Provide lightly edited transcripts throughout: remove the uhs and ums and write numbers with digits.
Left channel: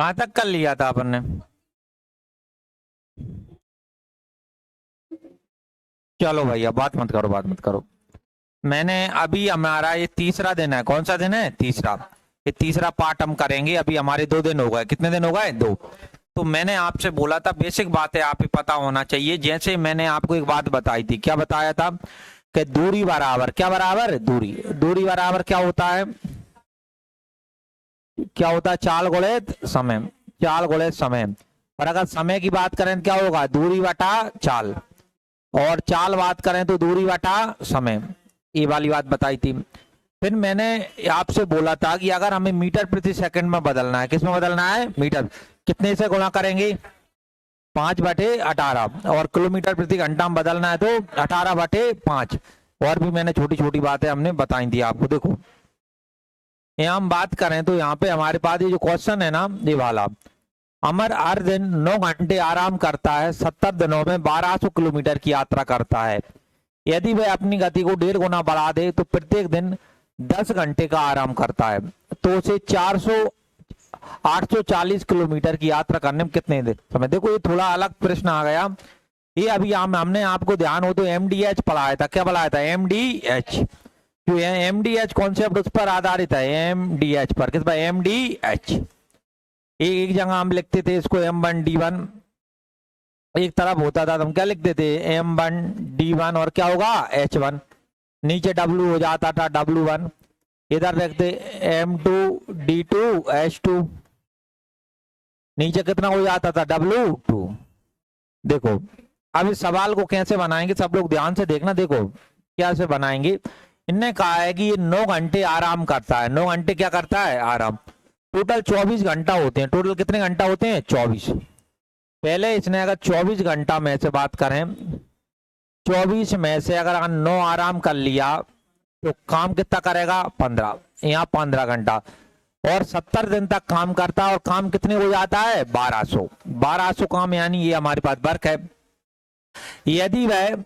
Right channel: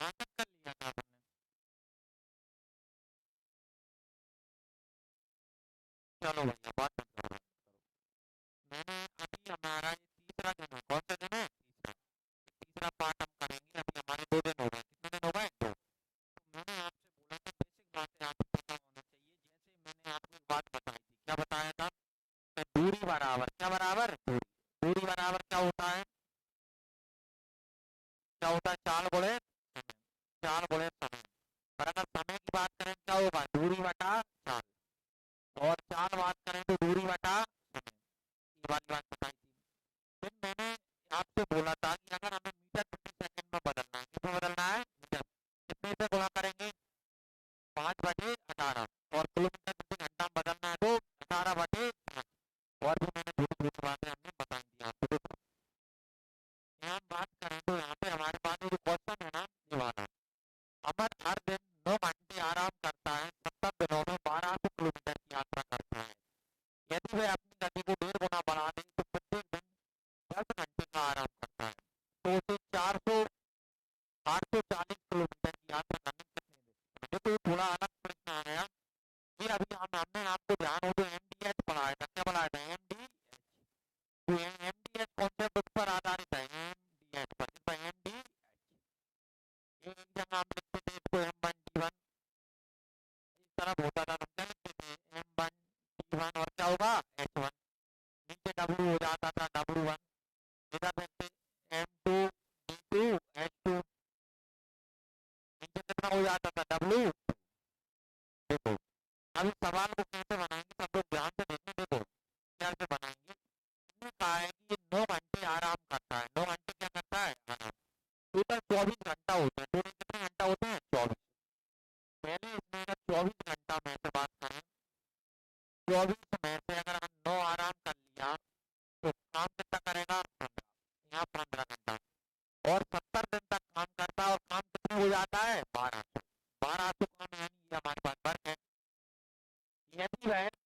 कहाँ तक कर लिया था अपन ने? चलो भैया बात मत करो, बात मत करो। मैंने अभी हमारा ये तीसरा दिन है। कौन सा दिन है? तीसरा। ये तीसरा पार्ट हम करेंगे। अभी हमारे 2 दिन हो गए। कितने दिन हो गए? 2। तो मैंने आपसे बोला था बेसिक बातें आप ही पता होना चाहिए। जैसे मैंने आपको एक बात बताई थी। क्या बताया था? कि दूरी बराबर क्या बराबर? दूरी। दूरी बराबर क्या होता है? क्या होता है? चाल गुणित समय। चाल गुणित समय। और अगर समय की बात करें तो क्या होगा? दूरी बटा चाल। और चाल बात करें तो दूरी बटा समय। ये वाली बात बताई थी। फिर मैंने आपसे बोला था कि अगर हमें मीटर प्रति सेकंड में बदलना है, किस में बदलना है? मीटर। कितने से गुणा करेंगे? 5/18। और किलोमीटर प्रति घंटा में बदलना है तो 18/5। और भी मैंने छोटी छोटी बातें हमने बताई थी आपको। देखो यहाँ हम बात करें तो यहाँ पे हमारे पास ये जो क्वेश्चन है ना, ये वाला, अमर हर दिन 9 घंटे आराम करता है, 70 दिनों में 1200 किलोमीटर की यात्रा करता है। यदि वह अपनी गति को 1.5 गुना बढ़ा दे तो प्रत्येक दिन 10 घंटे का आराम करता है, तो उसे 840 किलोमीटर की यात्रा करने में कितने दिन समय? देखो ये थोड़ा अलग प्रश्न आ गया। ये अभी हमने आपको ध्यान हो तो एमडीएच पढ़ाया था। क्या पढ़ाया था? एमडीएच। जो एमडीएच कॉन्सेप्ट उस पर आधारित है, एमडीएच पर। किस पर? एमडीएच। एक जगह हम लिखते थे इसको M1D1, एक तरफ होता था तो हम क्या लिखते थे? M1D1। और क्या होगा? H1। नीचे W हो जाता था W1। इधर रखते M2D2 H2। नीचे कितना हो जाता था? W2। देखो अब इस सवाल को कैसे बनाएंगे, सब लोग ध्यान से देखना। देखो क्या से बनाएंगे। इनने कहा है कि ये 9 घंटे आराम करता है। 9 घंटे क्या करता है? आराम। टोटल 24 घंटा होते हैं। टोटल कितने घंटा होते हैं? 24। पहले इसने अगर 24 घंटा में से बात करें, 24 में से अगर 9 आराम कर लिया तो काम कितना करेगा? 15। यहाँ 15 घंटा। और 70 दिन तक काम करता है और काम कितने हो जाता है? 1200। 1200 काम, यानी ये हमारे पास वर्क है। यदि वह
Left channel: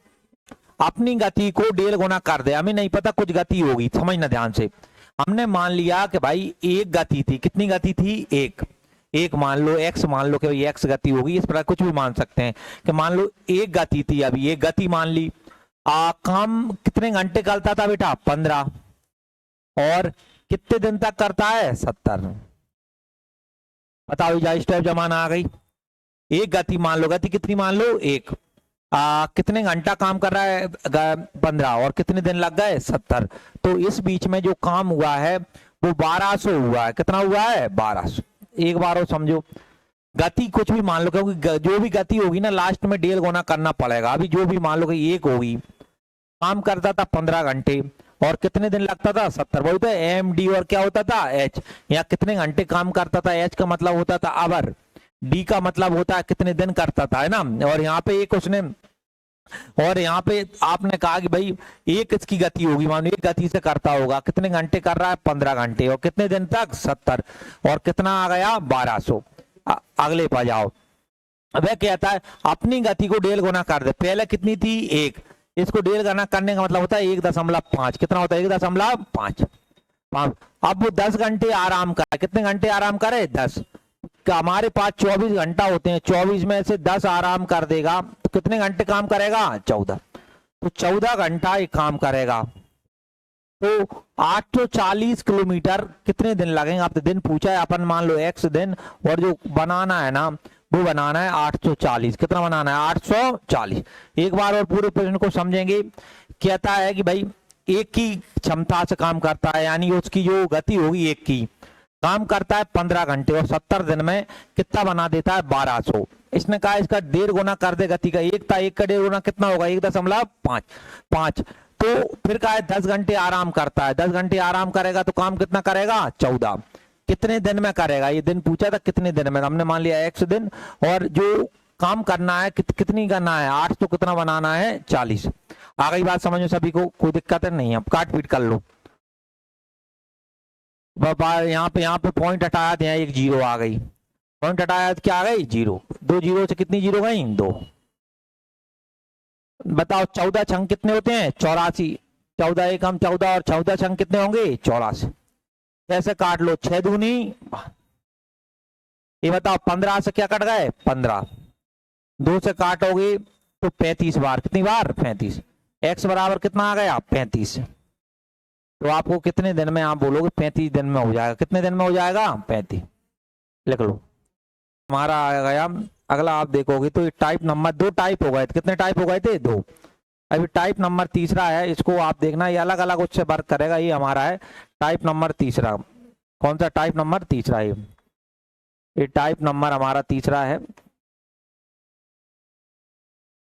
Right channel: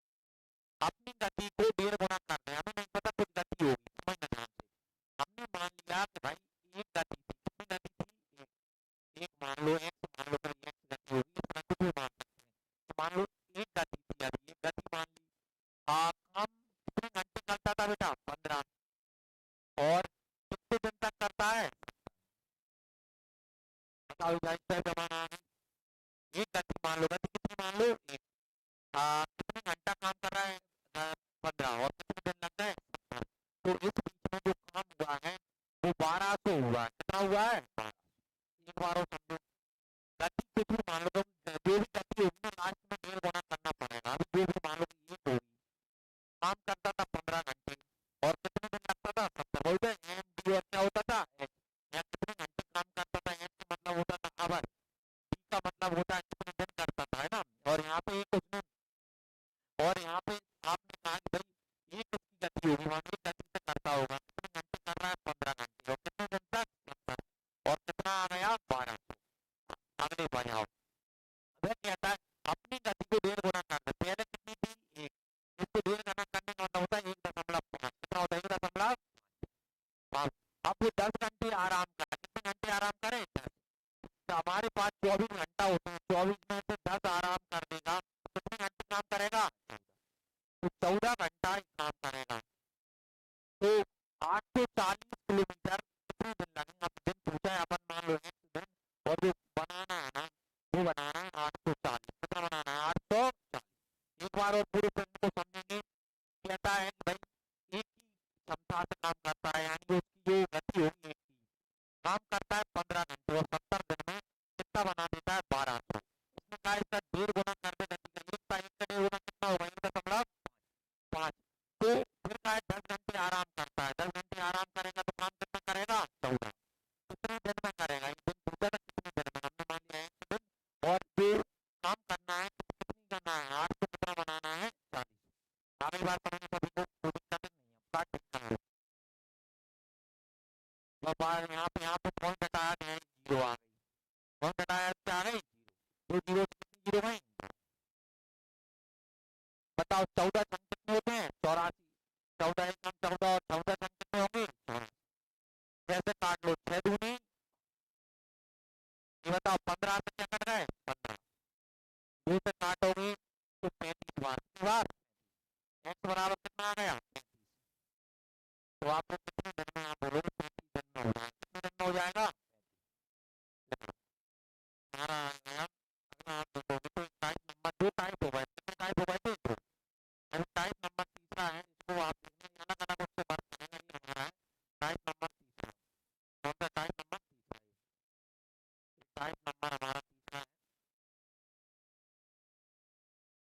अपनी गति को 1.5 गुना कर दे, हमें नहीं पता कुछ गति होगी, समझना ध्यान से। हमने मान लिया कि भाई एक गति थी। कितनी गति थी? एक मान लो, एक्स मान लो कि भाई एक्स गति होगी। इस प्रकार कुछ भी मान सकते हैं कि मान लो एक गति थी, अभी एक गति मान ली। काम कितने घंटे करता था बेटा? 15। और कितने दिन तक करता है? 70। बताओ जा स्टेप जमाना आ गई। एक गति मान लो, गति कितनी मान लो? एक। कितने घंटा काम कर रहा है? 15। और कितने दिन लग गए? 70। तो इस बीच में जो काम हुआ है वो 1200 हुआ है। कितना हुआ है? 1200। एक बार और समझो। गति कुछ भी मान लो, क्योंकि जो भी गति होगी ना लास्ट में 1.5 गुना करना पड़ेगा। अभी जो भी मान लो कि एक होगी, काम करता था 15 घंटे और कितने दिन लगता था? 70। वही तो एम डी। और क्या होता था? एच। यहाँ कितने घंटे काम करता था? एच का मतलब होता था आवर। डी का मतलब होता है कितने दिन करता था, है ना। और यहाँ पे एक उसने, और यहाँ पे आपने कहा कि भाई एक इसकी गति होगी, मानो एक गति से करता होगा। कितने घंटे कर रहा है? 15 घंटे। और कितने दिन तक? 70। और कितना आ गया? 1200। अगले पर जाओ। वह कहता है अपनी गति को 1.5 गुना कर दे। पहले कितनी थी? एक। इसको 1.5 गुना करने का मतलब होता है 1.5। कितना होता है? 1.5। अब वो 10 घंटे आराम करे। कितने घंटे आराम करे? 10। हमारे पास 24 घंटा होते हैं। 24 में से 10 आराम कर देगा तो कितने घंटे काम करेगा? 14। तो 14 घंटा ये काम करेगा। तो 840 किलोमीटर कितने दिन लगेंगे? आपने दिन पूछा है, अपन मान लो x दिन, और जो बनाना है ना वो बनाना है 840। कितना बनाना है? 840। एक बार और पूरे प्रश्न को समझेंगे। कहता है कि भाई एक की क्षमता से काम करता है, यानी उसकी जो गति होगी एक की, काम करता है 15 घंटे और 70 दिन में कितना बना देता है? 1200। इसने कहा इसका 1.5 गुना कर दे गति का। एक था, एक का 1.5 गुना कितना होगा? 1.5। तो फिर कहा है 10 घंटे आराम करता है। 10 घंटे आराम करेगा तो काम कितना करेगा? 14। कितने दिन में करेगा? ये दिन पूछा था कितने दिन में, हमने मान लिया x दिन। और जो काम करना है कितनी करना है? 8 तो कितना बनाना है? 40। आ गई बात समझ में सभी को? कोई दिक्कत है? नहीं। अब काट पीट कर लो। यहाँ पे पॉइंट हटाया तो यहाँ एक जीरो आ गई। पॉइंट हटाया तो क्या आ गई? जीरो। 2 जीरो से कितनी जीरो गई? 2। बताओ 14 छंग कितने होते हैं? 84। 14 एकम 14 और 14 छंग कितने होंगे? 84। ऐसे काट लो। 6 दूनी ये बताओ 15 से क्या कट गए 15, 2 से काटोगे तो 35 बार, कितनी बार 35। x बराबर कितना आ गया 35। तो आपको कितने दिन में, आप बोलोगे 35 दिन में हो जाएगा, कितने दिन में हो जाएगा 35, लिख लो। हमारा आ गया अगला, आप देखोगे तो टाइप नंबर 2 टाइप हो गए थे, कितने टाइप हो गए थे 2। अभी टाइप नंबर तीसरा है, इसको आप देखना, ये अलग अलग उससे वर्क करेगा। ये हमारा है टाइप नंबर तीसरा। कौन सा टाइप नंबर तीसरा है, ये टाइप नंबर हमारा तीसरा है।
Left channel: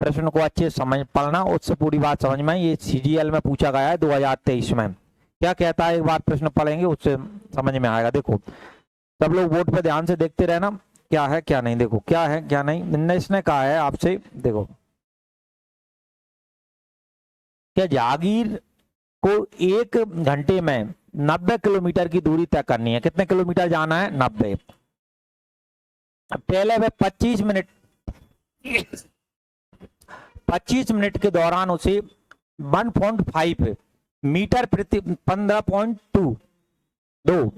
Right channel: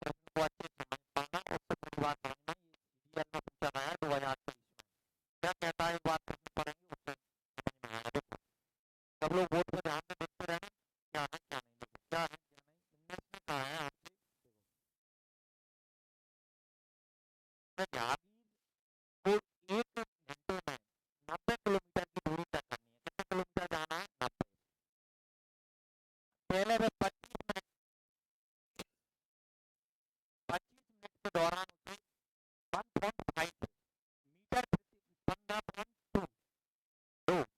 प्रश्न को अच्छे समझ पढ़ना, उससे पूरी बात समझ में। ये CGL में पूछा गया है 2023 में। क्या कहता है, एक बार प्रश्न पढ़ेंगे उससे समझ में आएगा। देखो सब लोग बोर्ड पे ध्यान से देखते रहना, क्या है क्या नहीं। देखो क्या है क्या नहीं, इसने कहा है आपसे, देखो क्या जागीर को 1 घंटे में 90 किलोमीटर की दूरी तय करनी है। कितने किलोमीटर जाना है 90। पहले वे 25 मिनट के दौरान उसे 1.5 मीटर प्रति 15.2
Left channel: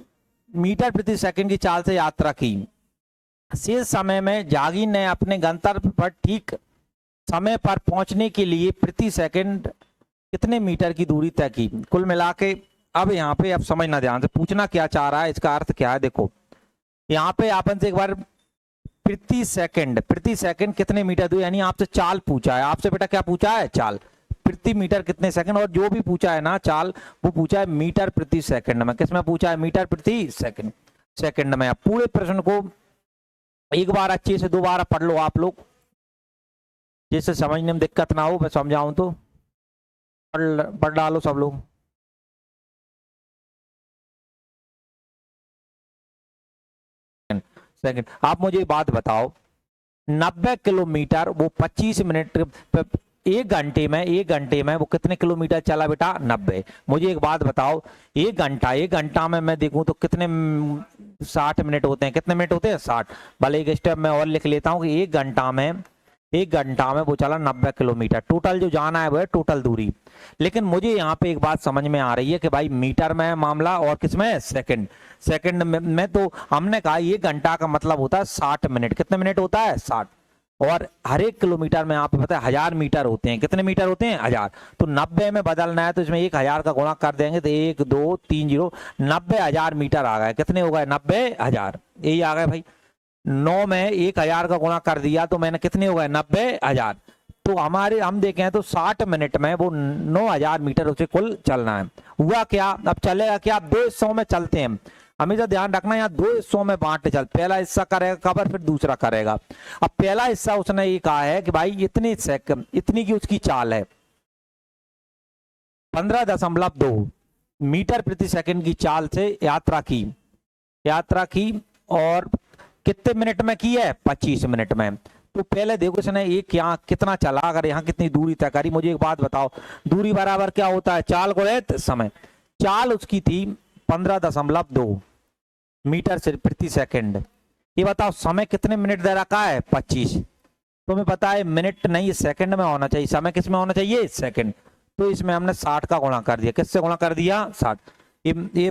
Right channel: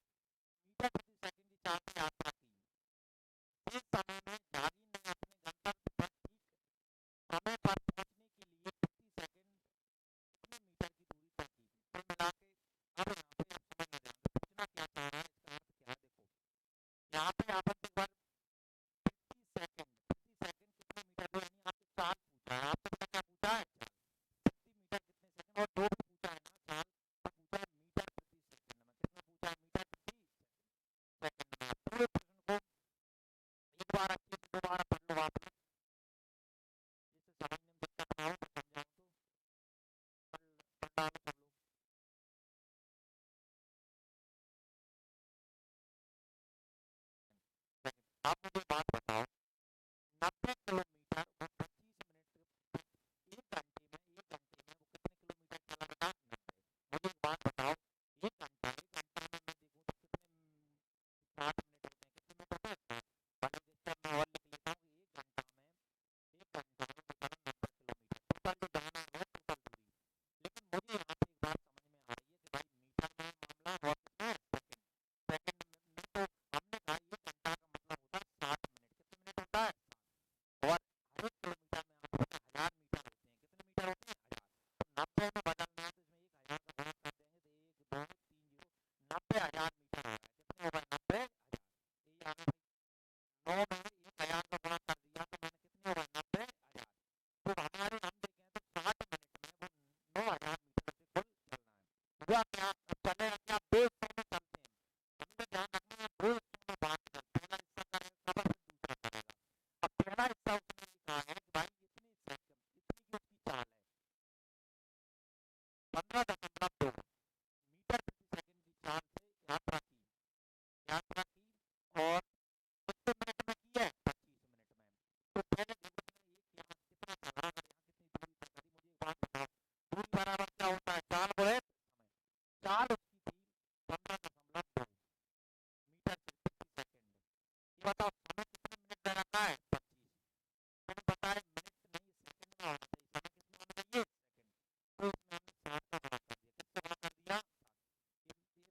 मीटर प्रति सेकंड की चाल से यात्रा की। शेष समय में जागीर ने अपने गंतव्य पर ठीक समय पर पहुंचने के लिए प्रति सेकंड कितने मीटर की दूरी तय की। कुल मिला के अब यहाँ पे अब समझना ध्यान से, पूछना क्या चाह रहा है, इसका अर्थ क्या है। देखो यहाँ पे आपन से एक बार प्रति सेकंड कितने मीटर दूर, यानी आपसे चाल पूछा है। आपसे बेटा क्या पूछा है, चाल। प्रति मीटर कितने सेकंड, और जो भी पूछा है ना चाल, वो पूछा है मीटर प्रति सेकंड में। किसमें पूछा है, मीटर प्रति सेकंड में। पूरे प्रश्न को एक बार अच्छे से दोबारा पढ़ लो आप लोग, जिससे समझने में दिक्कत ना हो। मैं समझाऊं तो पढ़ डालो सब लोग। सेकंड, आप मुझे बात बताओ, 90 किलोमीटर वो 25 मिनट, 1 घंटे में वो कितने किलोमीटर चला बेटा 90। मुझे एक बात बताओ, 1 घंटा में मैं देखूं तो कितने 60 मिनट होते हैं, कितने मिनट होते हैं 60। भले एक स्टेप में और लिख लेता हूं कि 1 घंटा में वो चला 90 किलोमीटर। टोटल जो जाना है वो है टोटल दूरी। लेकिन मुझे यहाँ पे एक बात समझ में आ रही है कि भाई मीटर में मामला और किसमें सेकंड में तो हमने कहा 1 घंटा का मतलब होता है 60 मिनट। कितने मिनट होता है 60। और हर एक किलोमीटर में आप पता है 1000 मीटर होते हैं। कितने मीटर होते हैं 1000। तो 90 में बदलना है तो इसमें 1000 का गुणा कर देंगे तो 1 2 3 0 90,000 मीटर आ गए। कितने हो गए 90,000, यही आ गए भाई। 9 में 1000 का गुणा कर दिया तो मैंने कितने हो गए 90,000। तो हमारे हम देखें तो 60 मिनट में वो 9000 मीटर उसे कुल चलना है। हुआ क्या, अब चलेगा क्या, अब 2 हिस्सों में चलते हैं। हमेशा ध्यान रखना यहाँ 2 हिस्सों में बांट चल, पहला हिस्सा करेगा कवर फिर दूसरा करेगा। अब पहला हिस्सा उसने ये कहा है कि भाई इतनी की उसकी चाल है 15.2 मीटर प्रति सेकंड की चाल से यात्रा की और कितने मिनट में की है 25 मिनट में। तो पहले देखो इसने एक यहाँ कितना चला, अगर यहाँ कितनी दूरी तय करी। मुझे एक बात बताओ, दूरी बराबर क्या होता है, चाल गुणित समय। चाल उसकी थी 15.2 मीटर से प्रति सेकंड। ये बताओ समय कितने मिनट दे रखा है 25। तुम्हें पता है मिनट नहीं सेकंड में होना चाहिए, समय किस में होना चाहिए सेकंड। तो इसमें हमने 60 का गुणा कर दिया। किससे गुणा कर दिया 60। ये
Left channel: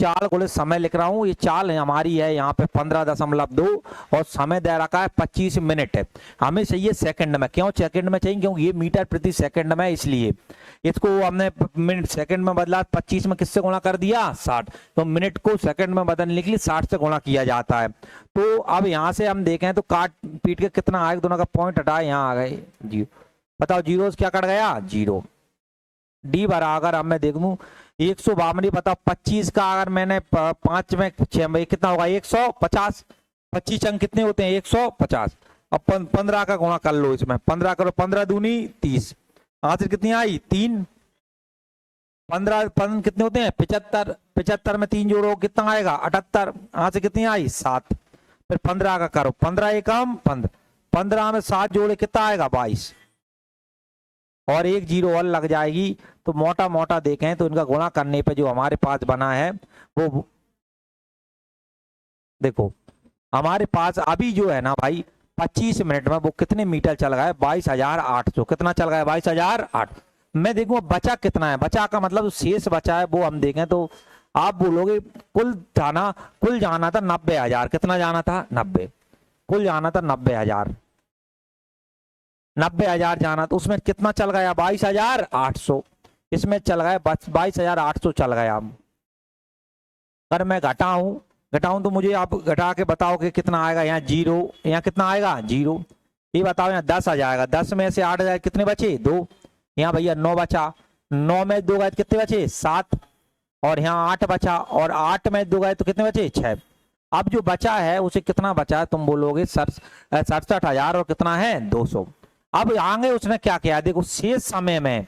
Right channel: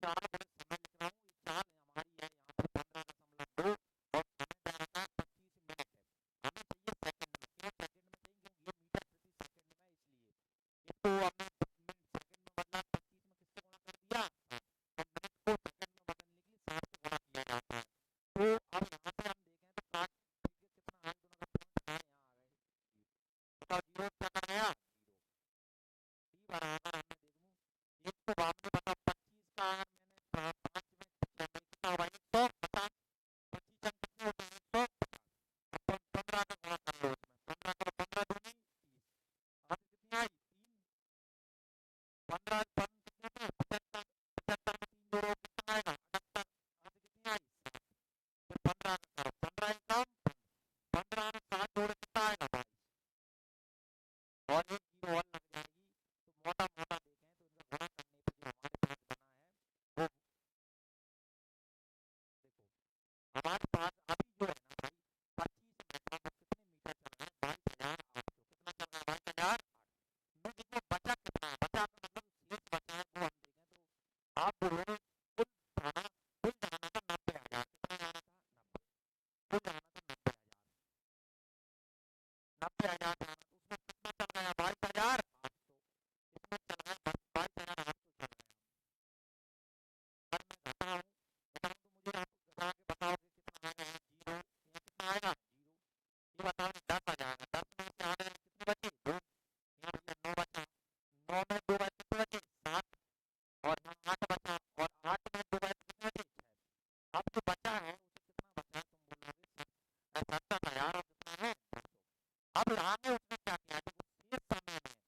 चाल गुणे समय लिख रहा हूं, ये चाल हमारी है यहाँ पे 15.2 और समय दे रखा है 25 मिनट है। हमें चाहिए सेकंड में, क्यों सेकंड में चाहिए, क्योंकि ये मीटर प्रति सेकंड में, इसलिए इसको हमने मिनट सेकंड में बदला। 25 में किससे गुणा कर दिया 60। तो मिनट को सेकंड में बदलने के लिए 60 से गुणा किया जाता है। तो अब यहाँ से हम देखें तो काट पीट के कितना आए, दोनों का पॉइंट हटाए, यहाँ आ गए 0। बताओ जीरो क्या कट गया 0। डी बराबर अब मैं देख लूं 152। बताओ 25 का अगर मैंने 5 में 6 में कितना होगा 150। 25 अंक कितने होते हैं 150। अब 15 का गुणा कर लो इसमें, 15 करो, 15 दूनी 30। आंसर कितनी आई 3। 15 कितने होते हैं 75। 75 में 3 जोड़ो कितना आएगा 78। आंसर कितनी आई 7। फिर 15 का करो, 15 एकम 15, 15 में 7 जोड़े कितना आएगा 22 और 1 0 और लग जाएगी। तो मोटा मोटा देखें तो इनका गुणा करने पे जो हमारे पास बना है वो देखो हमारे पास अभी जो है ना भाई 25 मिनट में वो कितने मीटर चल गया है 22,800। कितना चल गया है 22,800। मैं देखूं बचा कितना है, बचा का मतलब शेष बचा है वो हम देखें तो आप बोलोगे कुल जाना था 90,000, कितना जाना था 90, कुल जाना था 90,000, 90,000 जाना, तो उसमें कितना चल गया 22,800, इसमें चल गया 22,800 चल गया। अगर मैं घटाऊं तो मुझे आप घटा के बताओ कि कितना आएगा। यहाँ 0, यहाँ कितना आएगा 0, ये बताओ। यहाँ 10 आ जाएगा, 10 में से 8 जाए कितने बचे 2, यहाँ भैया 9 बचा, 9 में 2 गए तो कितने बचे 7, और यहाँ 8 बचा, और 8 में 2 गए तो कितने बचे 6। अब जो बचा है उसे कितना बचा है, तुम बोलोगे 67,000 और कितना है 200। अब आगे उसने क्या किया, देखो शेष समय में,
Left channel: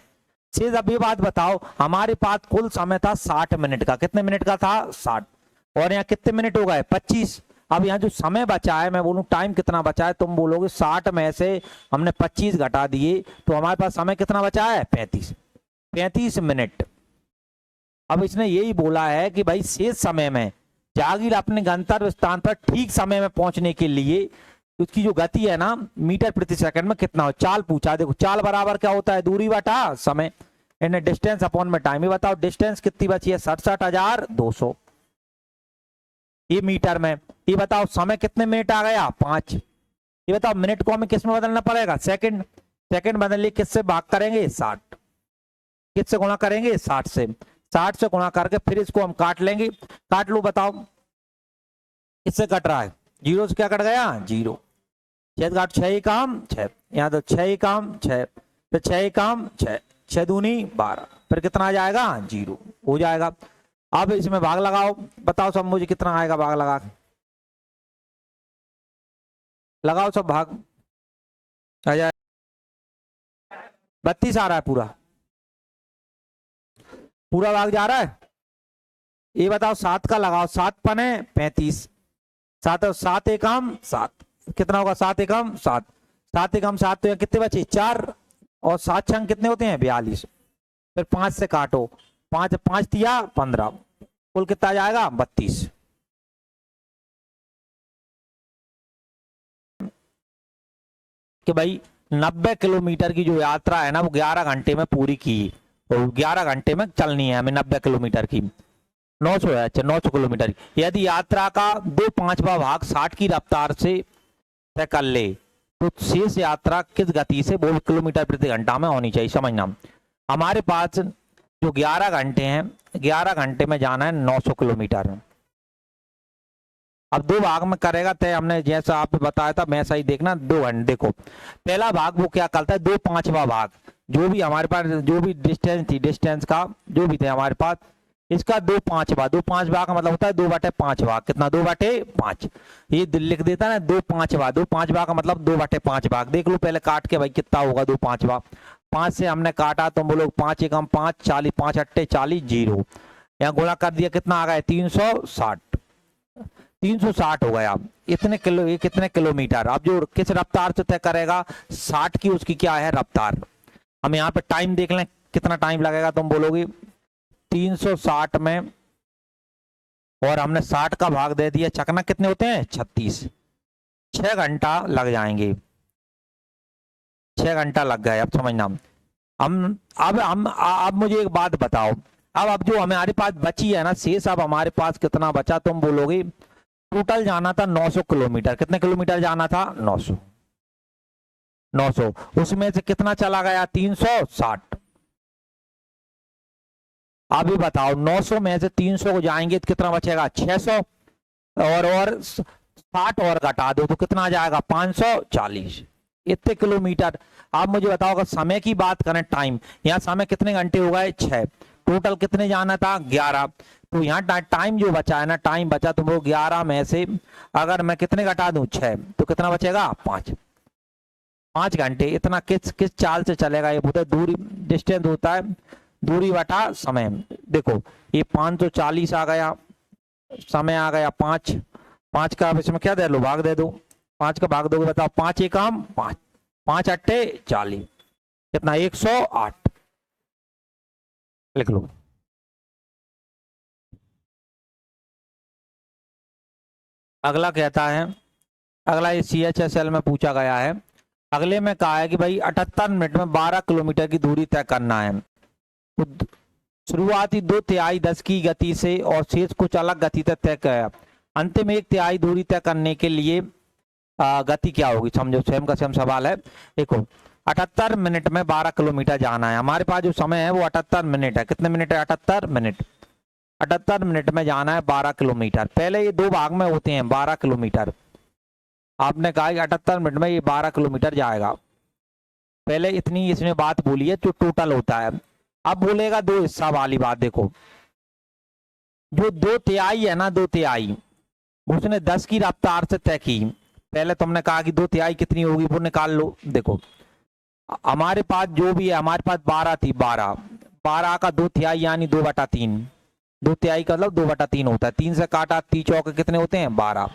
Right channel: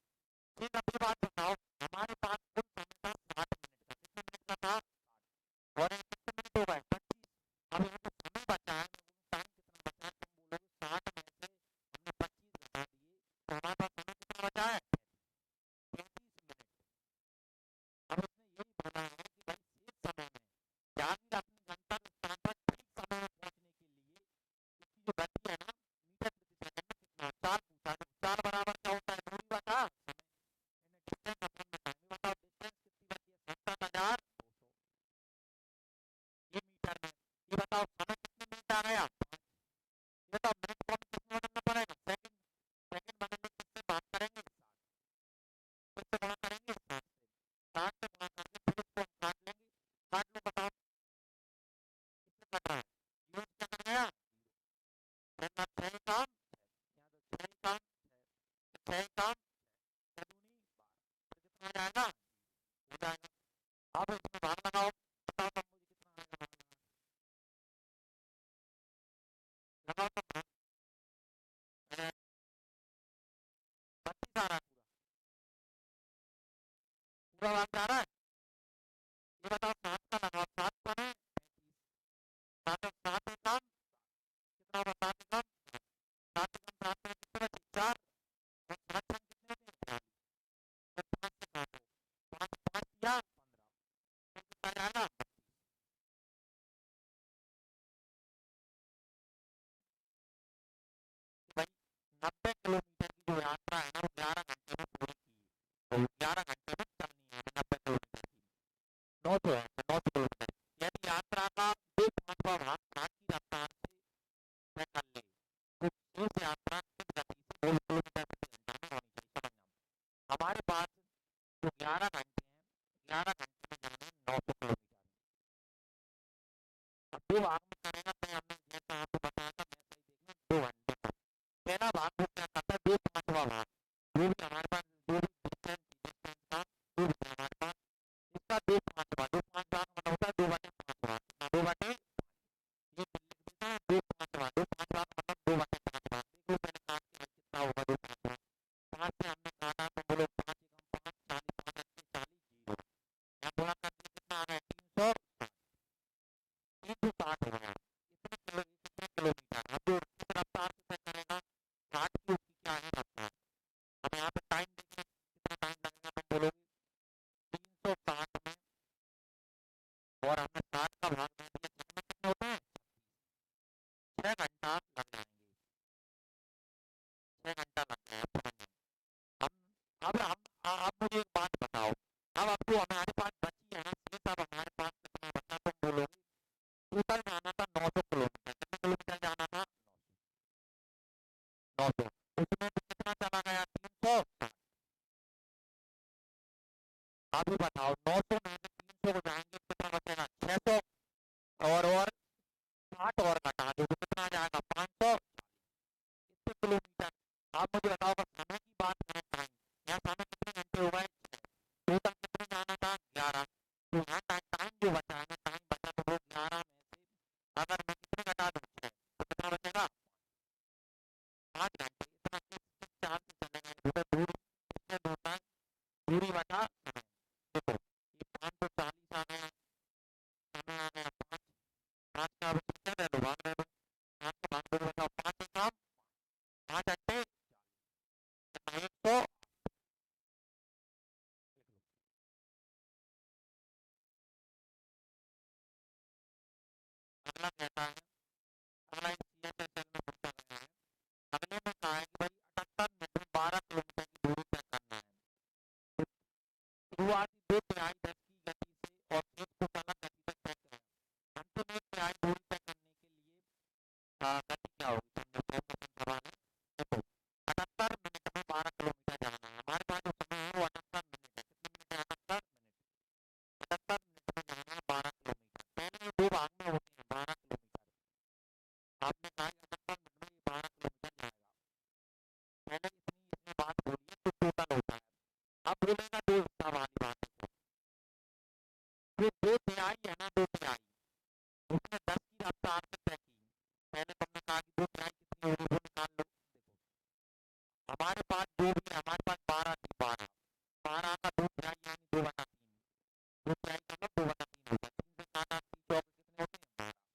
शेष, अब ये बात बताओ, हमारे पास कुल समय था 60 मिनट का, कितने मिनट का था 60, और यहाँ कितने मिनट हो गए 25। अब यहाँ जो समय बचा है, मैं बोलूं टाइम कितना बचा है, तुम बोलोगे 60 में से हमने 25 घटा दिए तो हमारे पास समय कितना बचा है 35 मिनट। अब इसने यही बोला है कि भाई शेष समय में जागीर अपने गंतव्य स्थान पर ठीक समय में पहुंचने के लिए उसकी जो गति है ना मीटर प्रति सेकंड में कितना हो, चाल पूछा। देखो चाल बराबर क्या होता है, दूरी बटा समय, इन्हें डिस्टेंस अपॉन में टाइम। ये बताओ डिस्टेंस कितनी बची है 67,200, ये मीटर में। ये बताओ समय कितने मिनट आ गया 5। ये बताओ मिनट को हमें किस में बदलना पड़ेगा, सेकंड, सेकंड बदलने किससे भाग करेंगे 60, किससे गुणा करेंगे 60 से, 60 से गुणा करके फिर इसको हम काट लेंगे। काट लो, बताओ किससे कट रहा है, 0 से क्या कट गया 0, 6 काट 6 ही काम 6, यहाँ तो 6 ही काम 6, फिर 6 ही काम 6, 6 दूनी 12, फिर कितना आ जाएगा 0 हो जाएगा। अब इसमें भाग लगाओ, बताओ सब मुझे कितना आएगा, भाग लगा लगाओ सब भाग, आ जाए 32 आ रहा है, पूरा भाग जा रहा है। ये बताओ 7 का लगाओ, 7 पने 35, 7 एकम 7, कितना होगा 7 एकम 7, 7 एकम 7, तो यहाँ कितने बचे 4, और 7 छंग कितने होते हैं 42, फिर 5 से काटो, 5 5 तिया 15, कुल कितना जाएगा 32। कि भाई 90 किलोमीटर की जो यात्रा है ना वो 11 घंटे में पूरी की, और 11 घंटे में चलनी है हमें 90 किलोमीटर की, 900 है, अच्छा 900 किलोमीटर। यदि यात्रा का 2/5वां भाग 60 की रफ्तार से तय कर ले तो शेष यात्रा किस गति से, वो किलोमीटर प्रति घंटा में होनी चाहिए। समझना, हमारे पास जो 11 घंटे हैं, 11 घंटे में जाना है 900 किलोमीटर। अब 2 भाग में करेगा तय, हमने जैसा आप बताया था वैसा ही देखना, 2 घंटे। देखो पहला भाग वो क्या करता है, 2/5वां भाग, जो भी हमारे पास जो भी डिस्टेंस थी, डिस्टेंस का जो भी थे हमारे पास, इसका 2/5वां, 2/5वां का मतलब होता है 2/5 कितना 2/5, ये लिख देता है ना 2/5वां, 2/5वां का मतलब 2/5 भाग। देख लो पहले काट के भाई कितना होगा 2/5वां, 5 से हमने काटा तो बोलो 5 एकम 5, 40, 5 अट्टे 40, 0, यहाँ गुणा कर दिया कितना आ गया 360, 360 हो गया। इतने किलो, ये कितने किलोमीटर, अब जो किस रफ्तार से तय करेगा 60 की, उसकी क्या है रफ्तार। हम यहाँ पे टाइम देख लें कितना टाइम लगेगा, तुम बोलोगे 360 में, और हमने 60 का भाग दे दिया, चकना कितने होते हैं 36, 6 घंटा लग जाएंगे, 6 घंटा लग गए। अब समझना, अब मुझे एक बात बताओ, अब जो हमारे पास बची है ना शेष, अब हमारे पास कितना बचा, तुम बोलोगे टोटल जाना था 900 किलोमीटर, कितने किलोमीटर जाना था 900, 900, उसमें से कितना चला गया 360। अभी बताओ 900 में से 300 को जाएंगे तो कितना बचेगा 600, और 60 और घटा दो तो कितना आ जाएगा 540, इतने किलोमीटर। आप मुझे बताओ अगर समय की बात करें, टाइम, यहाँ समय कितने घंटे हो गए 6, टोटल कितने जाना था 11, तो यहाँ टाइम जो बचा है ना, टाइम बचा तो वो 11 में से अगर मैं कितने घटा दूं 6, तो कितना बचेगा 5 घंटे। इतना किस चाल से चलेगा, ये होता है दूरी, डिस्टेंस होता है दूरी बटा समय। देखो ये 540 आ गया, समय आ गया 5, 5 का अब इसमें क्या दे लो भाग दे दो, 5 का भाग दोगे बताओ 5 एकम 5, 5 अट्टे 40, कितना 108, लिख लो। अगला कहता है, अगला ये CHSL में पूछा गया है, अगले में कहा है कि भाई 78 मिनट में 12 किलोमीटर की दूरी तय करना है। तो शुरुआती 2/3 10 की गति से और शेष कुछ अलग गति तक तय किया। अंतिम 1/3 दूरी तय करने के लिए गति क्या होगी, समझो, सेम का सेम सवाल है। देखो 78 मिनट में 12 किलोमीटर जाना है। हमारे पास जो समय है वो 78 मिनट है। कितने मिनट है? 78 मिनट। 78 मिनट में जाना है 12 किलोमीटर। पहले ये दो भाग में होते हैं 12 किलोमीटर। आपने कहा कि 78 मिनट में ये 12 किलोमीटर जाएगा। पहले इतनी इसमें बात बोली है जो टोटल होता है। अब बोलेगा दो हिस्सा वाली बात। देखो जो 2/3 है ना, 2/3 उसने 10 की रफ्तार से तय की। पहले तुमने कहा कि 2/3 कितनी होगी वो निकाल लो। देखो हमारे पास जो भी है, हमारे पास 12 थी, 12 का 2/3 यानी 2/3। 2/3 का मतलब 2/3 होता है। 3 से काटा 3 चौके कितने होते हैं? 12।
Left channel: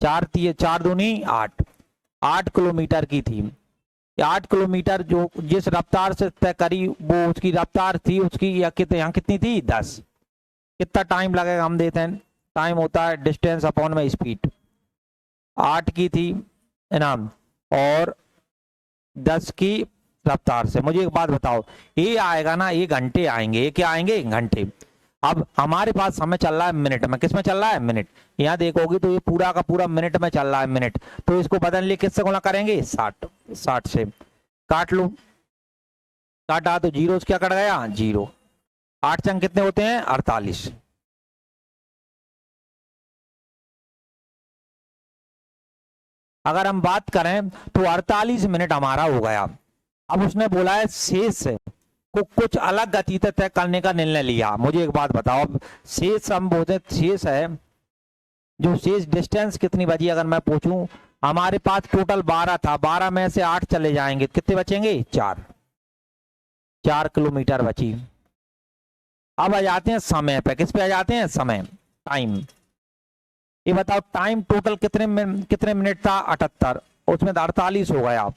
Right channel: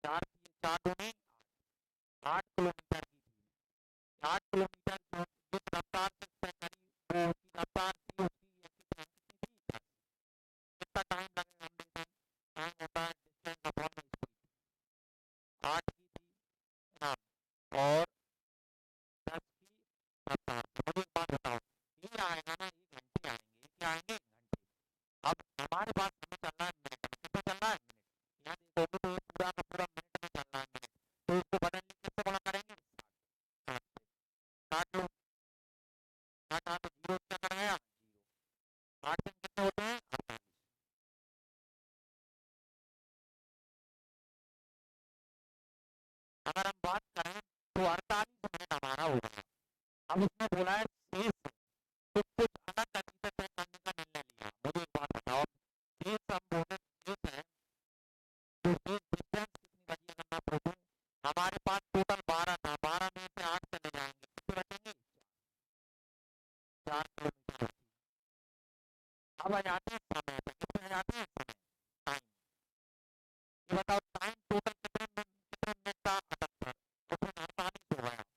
4 दूनी 8। 8 किलोमीटर की थी। 8 किलोमीटर जो जिस रफ्तार से तय करी वो उसकी रफ्तार थी उसकी, या यहाँ कितनी थी? 10। कितना टाइम लगेगा हम देते हैं। टाइम होता है डिस्टेंस अपॉन में स्पीड। 8 की थी इनाम और 10 की रफ्तार से। मुझे एक बात बताओ, ये आएगा ना, ये घंटे आएंगे। ये क्या आएंगे? घंटे। अब हमारे पास समय चल रहा है मिनट में। किस में चल रहा है? मिनट। यहाँ देखोगे तो ये पूरा का पूरा मिनट में चल रहा है, मिनट। तो इसको बदलने लिए किससे गुणा करेंगे? 60। 60 से काट लो। काटा तो जीरो क्या कट गया? 0। 8 चंग कितने होते हैं? 48। अगर हम बात करें तो 48 मिनट हमारा हो गया। अब उसने बोला है शेष को कुछ अलग गति तय करने का निर्णय लिया। मुझे एक बात बताओ, अब शेष हम बोलते शेष है, जो शेष डिस्टेंस कितनी बची? अगर मैं पूछूं, हमारे पास टोटल 12 था, 12 में से 8 चले जाएंगे, कितने बचेंगे? 4। 4 किलोमीटर बची। अब आ जाते हैं समय पे। किस पे आ जाते हैं? समय, टाइम। ये बताओ टाइम टोटल कितने मिनट था? 78। उसमें 48 हो गया।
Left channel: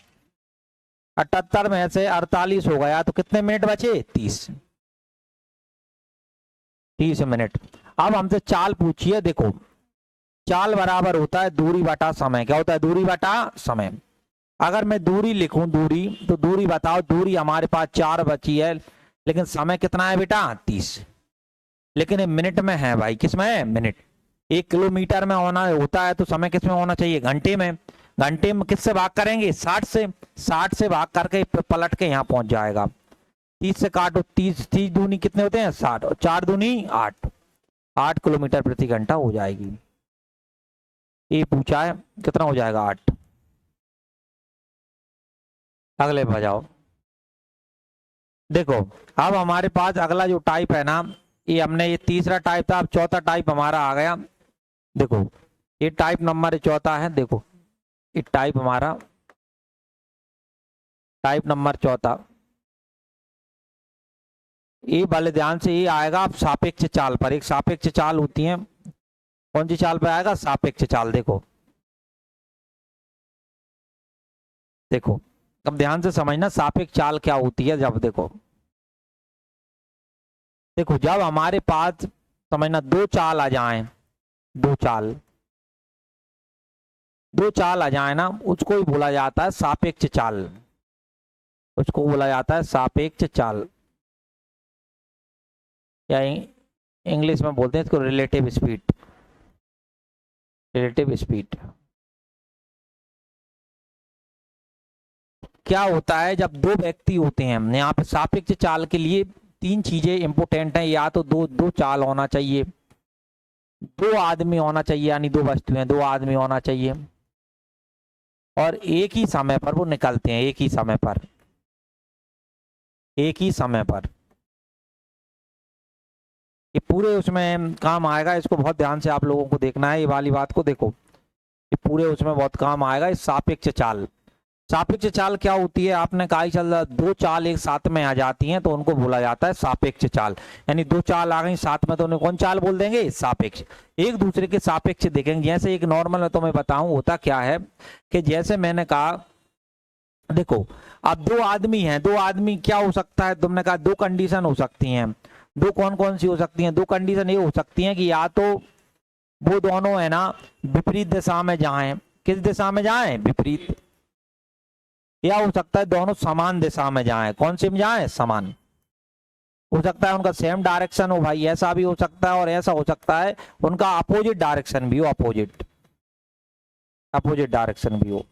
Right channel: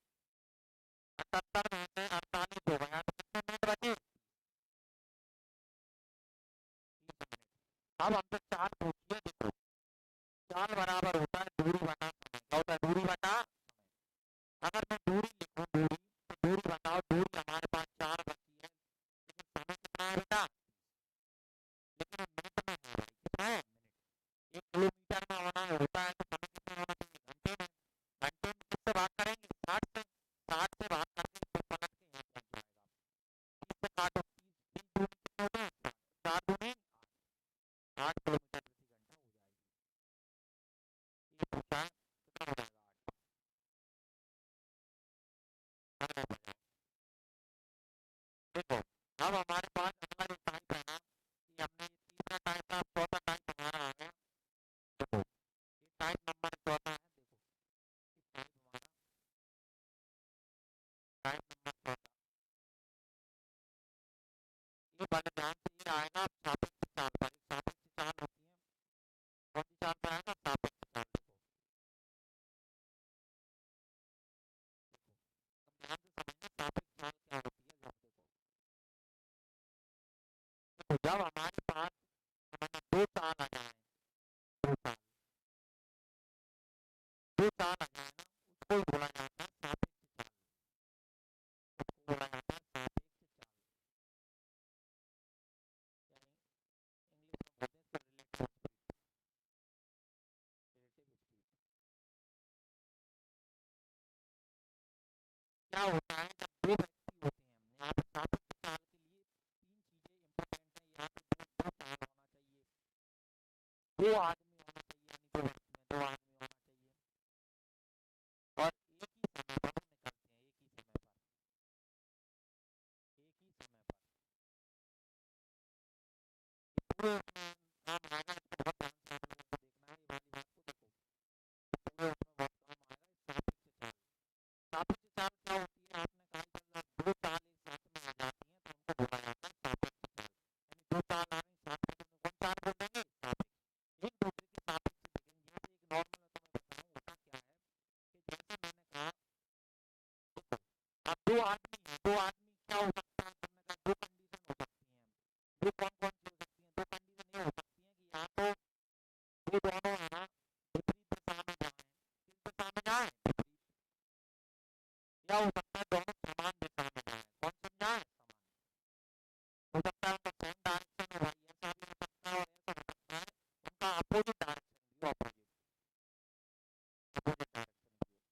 78 में से 48 हो गया तो कितने मिनट बचे? 30। 30 मिनट। अब हमसे चाल पूछिए। देखो चाल बराबर होता है दूरी बटा समय। क्या होता है? दूरी बटा समय। अगर मैं दूरी लिखूं, दूरी, तो दूरी बताओ। दूरी हमारे पास 4 बची है, लेकिन समय कितना है बेटा? 30। लेकिन ये मिनट में है भाई। किस में है? मिनट। 1 किलोमीटर में होना होता है तो समय किस में होना चाहिए? घंटे में। घंटे में किससे भाग करेंगे? 60 से। 60 से भाग करके पलट के यहाँ पहुंच जाएगा। 30 से काटो, 30 दूनी कितने होते हैं? 60। और 4 दूनी 8। 8 किलोमीटर प्रति घंटा हो जाएगी। ये पूछा है कितना हो जाएगा? 8। अगले बजाओ। देखो अब हमारे पास अगला जो टाइप है ना, ये हमने, ये तीसरा टाइप था, अब चौथा टाइप हमारा आ गया। देखो ये टाइप नंबर चौथा है। देखो ये टाइप हमारा टाइप नंबर चौथा। ये वाले ध्यान से ये आएगा अब सापेक्ष चाल पर। एक सापेक्ष चाल होती है, कौन सी चाल पर आएगा? सापेक्ष चाल। देखो देखो अब ध्यान से समझना सापेक्ष चाल क्या होती है। जब देखो देखो जब हमारे पास समझना दो चाल आ जाएं, दो चाल आ जाए ना, उसको ही बोला जाता है सापेक्ष चाल। उसको बोला जाता है सापेक्ष चाल, या इंग्लिश में बोलते हैं इसको रिलेटिव स्पीड। रिलेटिव स्पीड क्या होता है? जब दो व्यक्ति होते हैं, यहाँ पे सापेक्ष चाल के लिए 3 चीजें इंपोर्टेंट हैं। या तो दो चाल होना चाहिए, 2 आदमी होना चाहिए, यानी 2 वस्तुएं, 2 आदमी होना चाहिए, और एक ही समय पर वो निकलते हैं। एक ही समय पर, एक ही समय पर। ये पूरे उसमें काम आएगा। इसको बहुत ध्यान से आप लोगों को देखना है। ये वाली बात को देखो, ये पूरे उसमें बहुत काम आएगा। इस सापेक्ष चाल, सापेक्ष चाल क्या होती है? आपने कहा ही चल, 2 चाल एक साथ में आ जाती हैं तो उनको बोला जाता है सापेक्ष चाल। यानी 2 चाल आ गई साथ में तो उन्हें कौन चाल बोल देंगे? सापेक्ष। एक दूसरे के सापेक्ष देखेंगे। जैसे एक नॉर्मल में तो मैं बताऊं होता क्या है कि जैसे मैंने कहा, देखो अब 2 आदमी हैं। 2 आदमी क्या हो सकता है? तुमने कहा 2 कंडीशन हो सकती हैं। 2 कौन कौन सी हो सकती हैं? 2 कंडीशन ये हो सकती हैं कि या तो वो दोनों है ना विपरीत दिशा में जाएं। किस दिशा में जाएं? विपरीत। या हो सकता है दोनों समान दिशा में जाएं। कौन सी में जाएं? समान। हो सकता है उनका सेम डायरेक्शन हो भाई, ऐसा भी हो सकता है और ऐसा हो सकता है उनका अपोजिट डायरेक्शन भी हो, अपोजिट डायरेक्शन भी हो।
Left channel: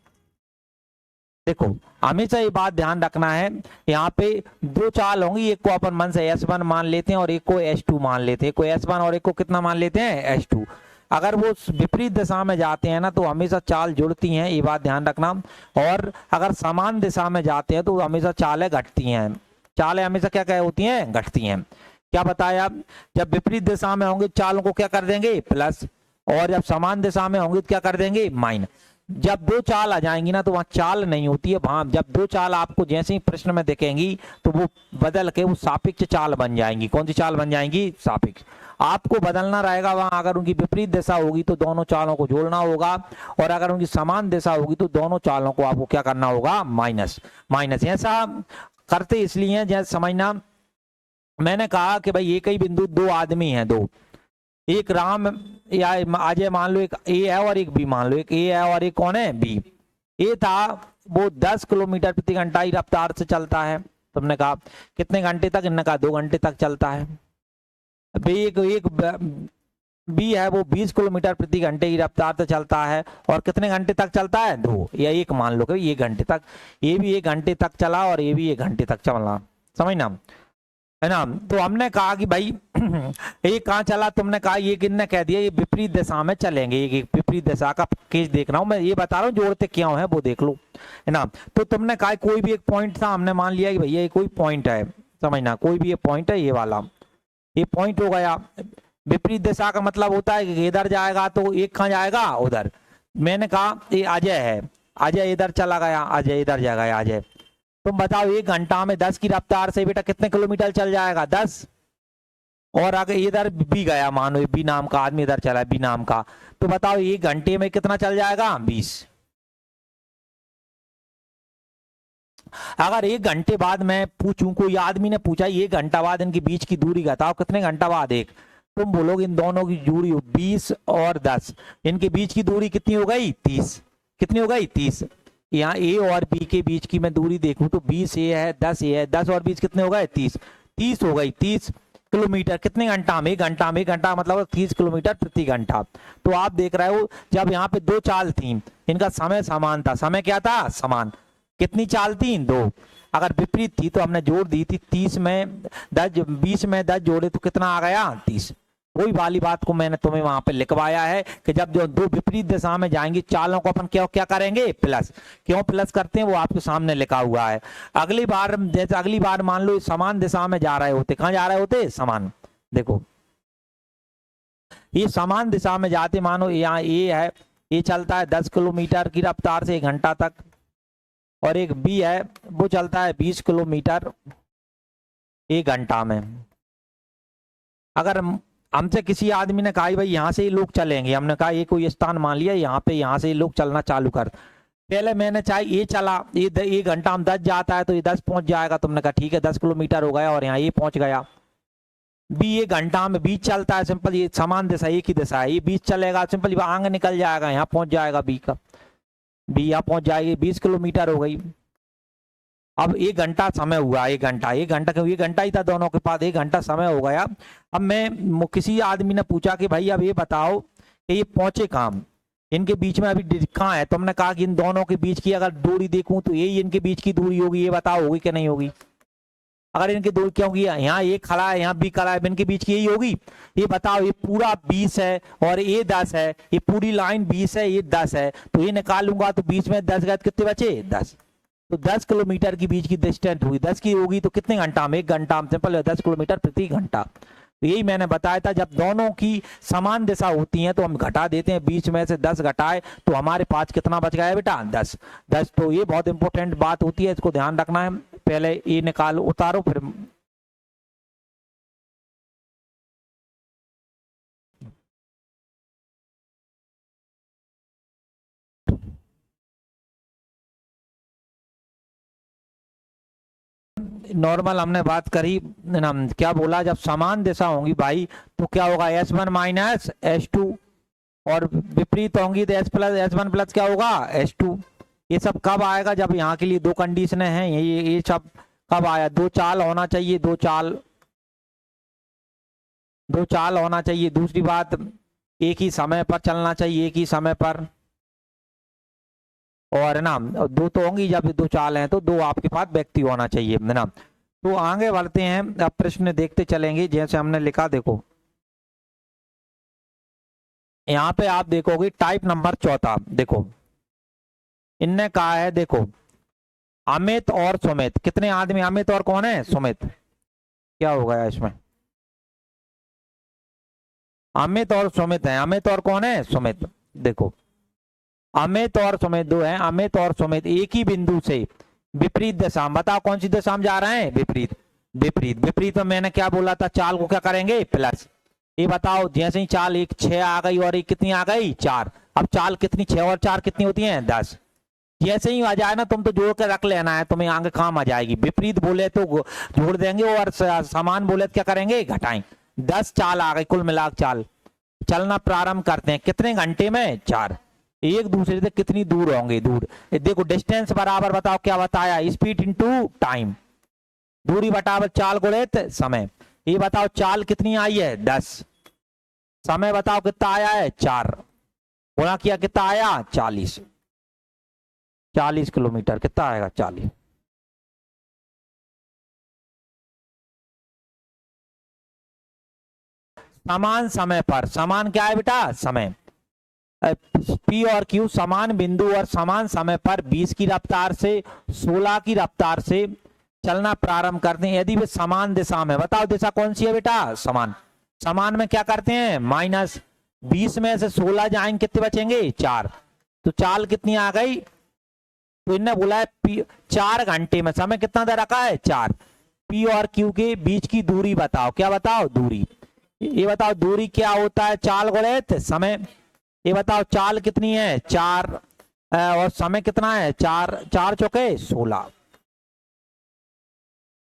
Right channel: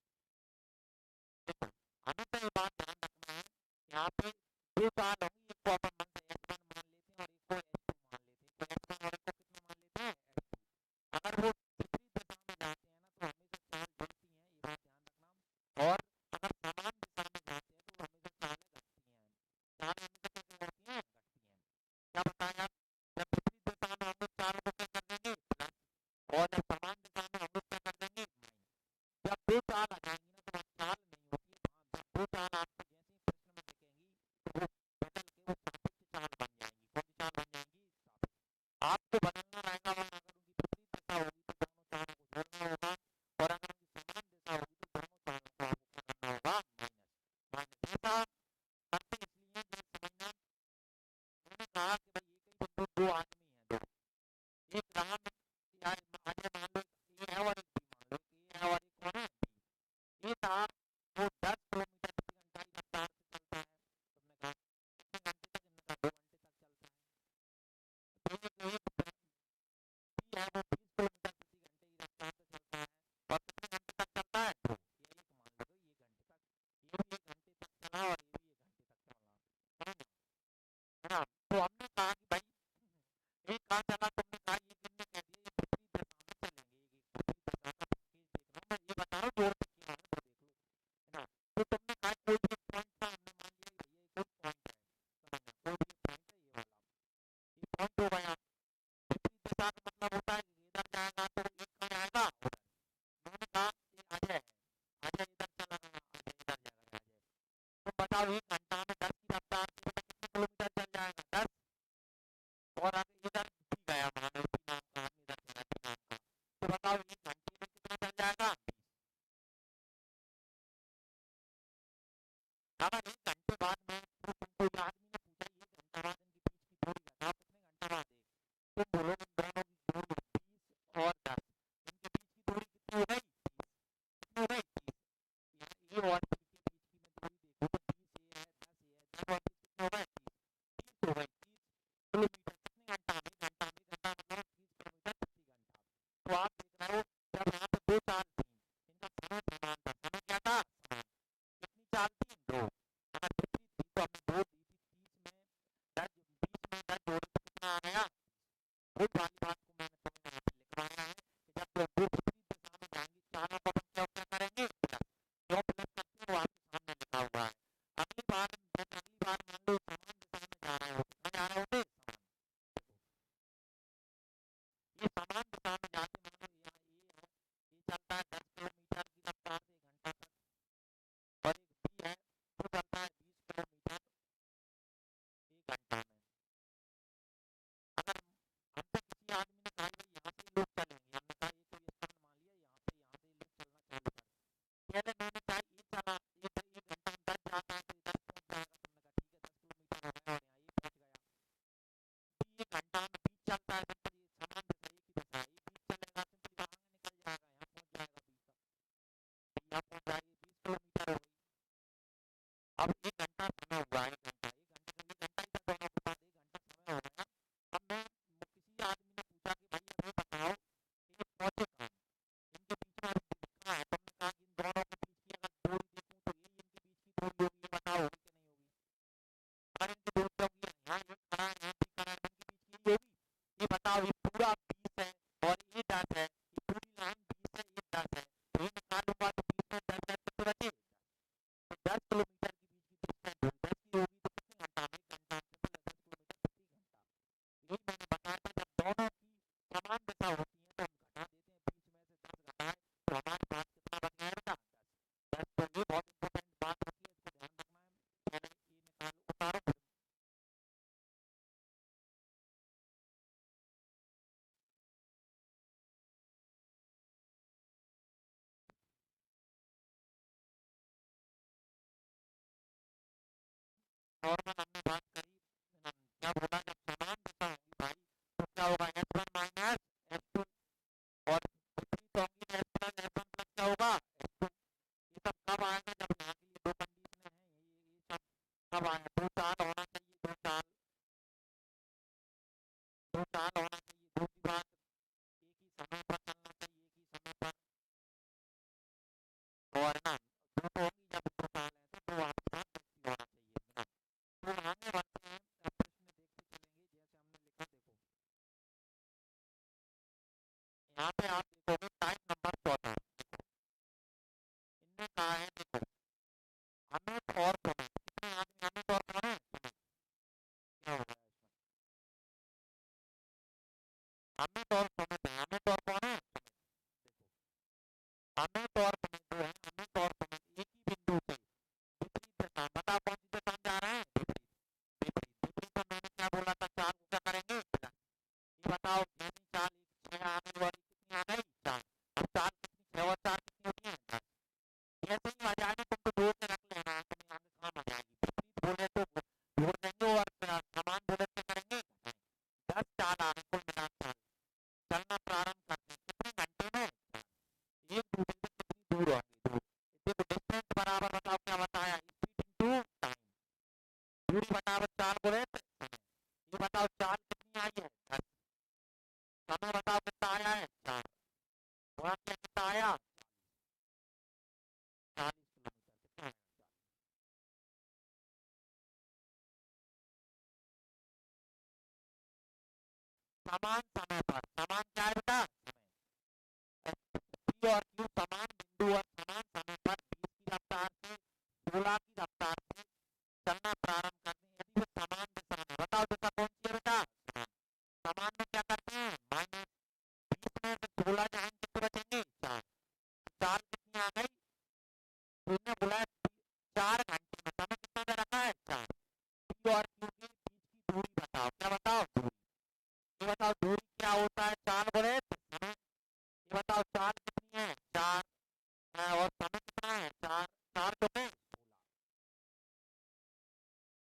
देखो हमेशा ये बात ध्यान रखना है, यहाँ पे दो चाल होंगी, एक को अपन मन से S1 मान लेते हैं और एक को S2 मान लेते हैं, एक को S1 और एक को कितना मान लेते हैं S2। अगर वो विपरीत दिशा में जाते हैं ना तो हमेशा चाल जुड़ती हैं, ये बात ध्यान रखना। और अगर समान दिशा में जाते हैं तो हमेशा चालें घटती हैं, चालें हमेशा क्या क्या होती हैं, घटती हैं। क्या बताया, जब विपरीत दिशा में होंगे चालों को क्या कर देंगे, प्लस, और जब समान दिशा में होंगे तो क्या कर देंगे, माइनस। जब दो चाल आ जाएंगी ना तो वहां चाल नहीं होती है, वहां जब दो चाल आपको जैसे ही प्रश्न में दिखेंगी तो वो बदल के वो सापेक्ष चाल बन जाएंगी। कौन सी चाल बन जाएंगी, सापेक्ष। आपको बदलना रहेगा वहां, अगर उनकी विपरीत दिशा होगी तो दोनों चालों को जोड़ना होगा, और अगर उनकी समान दिशा होगी तो दोनों चालों को आपको क्या करना होगा, माइनस। ऐसा करते इसलिए हैं, जैसे समझना, मैंने कहा कि भाई एक ही बिंदु दो आदमी हैं, दो, एक राम या अजय मान लो, एक ए है और एक बी मान लो, एक ए है और एक कौन है, बी। ए था वो 10 किलोमीटर प्रति घंटा की रफ्तार से चलता है, तुमने कहा कितने घंटे तक, इन्होंने कहा 2 घंटे तक चलता है। एक बी है वो 20 किलोमीटर प्रति घंटे की रफ्तार से चलता है और कितने घंटे तक चलता है, 2 या 1 मान लो कि 1 घंटे तक। ये भी 1 घंटे तक चला और ये भी 1 घंटे तक चलना, समझना है ना। तो हमने कहा कि भाई ये कहाँ चला, तुमने कहा ये किन्ने कह दिया ये विपरीत दिशा में चलेंगे, ये विपरीत दिशा का केस देख रहा हूं मैं, ये बता रहा हूँ जोड़ते क्यों है वो देख लो, है ना। तो तुमने कहा कोई भी एक पॉइंट था, हमने मान लिया कि भैया ये कोई पॉइंट है, समझना, कोई भी ये पॉइंट है, ये वाला ये पॉइंट हो गया। विपरीत दिशा का मतलब होता है कि इधर जाएगा तो एक कहाँ जाएगा, उधर। मैंने कहा ये अजय है, अजय इधर चला गया, अजय इधर जाएगा, अजय। तुम बताओ 1 घंटा में 10 की रफ्तार से बेटा कितने किलोमीटर चल जाएगा, 10। और अगर इधर बी गया, मानो बी नाम का आदमी इधर चला है, बी नाम का, तो बताओ 1 घंटे में कितना चल जाएगा, 20। अगर 1 घंटे बाद मैं पूछूं, कोई आदमी ने पूछा 1 घंटा बाद इनके बीच की दूरी बताओ कितने घंटा बाद, एक, तुम बोलोगे इन दोनों की दूरी 20 और 10, इनके बीच की दूरी कितनी हो गई, 30। कितनी हो गई, 30। यहाँ ए और बी के बीच की मैं दूरी देखूं तो 20 ए है, 10 ए है, 10 और 20 कितने हो गए, 30। 30 हो गई, 30 किलोमीटर कितने घंटा में, 1 घंटा में, 1 घंटा मतलब 30 किलोमीटर प्रति घंटा। तो आप देख रहे हो जब यहाँ पे दो चाल थी, इनका समय समान था, समय क्या था, समान। कितनी चाल थी, 2। अगर विपरीत थी तो हमने जोड़ दी थी, 30 में 10, 20 में 10 जोड़े तो कितना आ गया, 30। वही वाली बात को मैंने तुम्हें वहां पे लिखवाया है कि जब जो दो विपरीत दिशा में जाएंगी चालों को अपन क्या क्या करेंगे, प्लस। क्यों प्लस करते हैं वो आपके सामने लिखा हुआ है। अगली बार जैसे अगली बार मान लो समान दिशा में जा रहे होते, कहाँ जा रहे होते, समान। देखो ये समान दिशा में जाते, मानो यहाँ ए है, ये चलता है 10 किलोमीटर की रफ्तार से 1 घंटा तक, और एक बी है वो चलता है 20 किलोमीटर 1 घंटा में। अगर हमसे किसी आदमी ने कहा भाई यहाँ से ही लोग चलेंगे, हमने कहा ये कोई स्थान मान लिया, यहाँ पे यहाँ से ही लोग चलना चालू कर, पहले मैंने चाहे ये चला, ये 1 घंटा में 10 जाता है तो ये 10 पहुंच जाएगा, तुमने कहा ठीक है 10 किलोमीटर हो गया और यहाँ ये पहुंच गया। बी 1 घंटा में 20 चलता है, सिंपल, ये समान दिशा एक ही दिशा है, ये 20 चलेगा, सिंपल आगे निकल जाएगा, यहाँ पहुंच जाएगा बी का, बी यहाँ पहुंच जाएगी, 20 किलोमीटर हो गई। अब 1 घंटा समय हुआ, 1 घंटा, 1 घंटा क्यों, 1 घंटा ही था दोनों के पास, 1 घंटा समय हो गया। अब मैं किसी आदमी ने पूछा कि भाई अब ये बताओ कि ये पहुंचे कहाँ, इनके बीच में अभी कहाँ है, तुमने कहा कि इन दोनों के बीच की अगर दूरी देखूं तो यही इनके बीच की दूरी होगी, ये बताओ होगी कि नहीं होगी। अगर इनकी दूरी क्या होगी, यहाँ ये खड़ा है, यहाँ बी खड़ा है, इनके बीच की यही होगी, ये बताओ। ये पूरा 20 है और ये 10 है, ये पूरी लाइन 20 है, ये 10 है, तो ये निकालूंगा तो 20 में 10 गए कितने बचे, 10। तो 10 किलोमीटर की बीच की डिस्टेंस हुई, 10 की होगी तो कितने घंटा में, 1 घंटा में, सिंपल 10 किलोमीटर प्रति घंटा। तो यही मैंने बताया था, जब दोनों की समान दिशा होती है तो हम घटा देते हैं, 20 में से 10 घटाए तो हमारे पास कितना बच गया बेटा, 10। तो ये बहुत इंपॉर्टेंट बात होती है, इसको ध्यान रखना है। पहले ये निकालो, उतारो, फिर नॉर्मल हमने बात करी ना, क्या बोला, जब समान दिशा होंगी भाई तो क्या होगा, S1 माइनस S2, और विपरीत होंगी तो S1 प्लस क्या होगा, S2। ये सब कब आएगा, जब यहाँ के लिए दो कंडीशनें हैं, ये सब कब आया, दो चाल होना चाहिए, दो चाल, दो चाल होना चाहिए। दूसरी बात, एक ही समय पर चलना चाहिए, एक ही समय पर। और है ना, दो तो होंगी, जब दो चाल हैं तो दो आपके पास व्यक्ति होना चाहिए, है ना। तो आगे बढ़ते हैं, अब प्रश्न देखते चलेंगे। जैसे हमने लिखा, देखो यहाँ पे आप देखोगे टाइप नंबर चौथा, देखो इनने कहा है, देखो अमित और सुमित, कितने आदमी, अमित और कौन है, सुमित। क्या हो गया इसमें, अमित और सुमित है, अमित और कौन है, सुमित। देखो अमित और सुमित दो हैं, अमित और सुमित एक ही बिंदु से विपरीत दिशा, बताओ कौन सी दिशा में जा रहे हैं, विपरीत। विपरीत, विपरीत में मैंने क्या बोला था, चाल को क्या करेंगे, प्लस। ये बताओ, जैसे ही चाल एक 6 आ गई और एक कितनी आ गई, 4। अब चाल कितनी, 6 और 4 कितनी होती है, 10। जैसे ही आ जाए ना, तुम तो जोड़ के रख लेना है, तुम्हें आगे काम आ जाएगी। विपरीत बोले तो जोड़ देंगे, और समान बोले तो क्या करेंगे, घटाएं। 10 चाल आ गई कुल मिलाकर चाल। चलना प्रारंभ करते हैं, कितने घंटे में, 4। एक दूसरे से कितनी दूर होंगे, दूर। देखो डिस्टेंस बराबर, बताओ क्या बताया, स्पीड इनटू टाइम। दूरी बटाबर चाल गुणित समय। ये बताओ चाल कितनी आई है, 10। समय बताओ कितना आया है, 4। गुणा किया कितना आया, 40। 40 किलोमीटर कितना आएगा, 40। समान समय पर, समान क्या है बेटा, समय। पी और क्यू समान बिंदु और समान समय पर 20 की रफ्तार से 16 की रफ्तार से चलना प्रारंभ करते हैं, यदि वे समान दिशा में। बताओ दिशा कौन सी है बेटा, समान। समान में क्या करते हैं, माइनस। 20 में से 16 जाएंगे, कितने बचेंगे, 4। तो चाल कितनी आ गई, तो इनने बोला है 4 घंटे में समय कितना दे रखा है, 4। पी और क्यू के बीच की दूरी बताओ, क्या बताओ, दूरी। ये बताओ दूरी क्या होता है, चाल गुणित समय। ये बताओ चाल कितनी है, 4, और समय कितना है, 4। 4 चौके 16।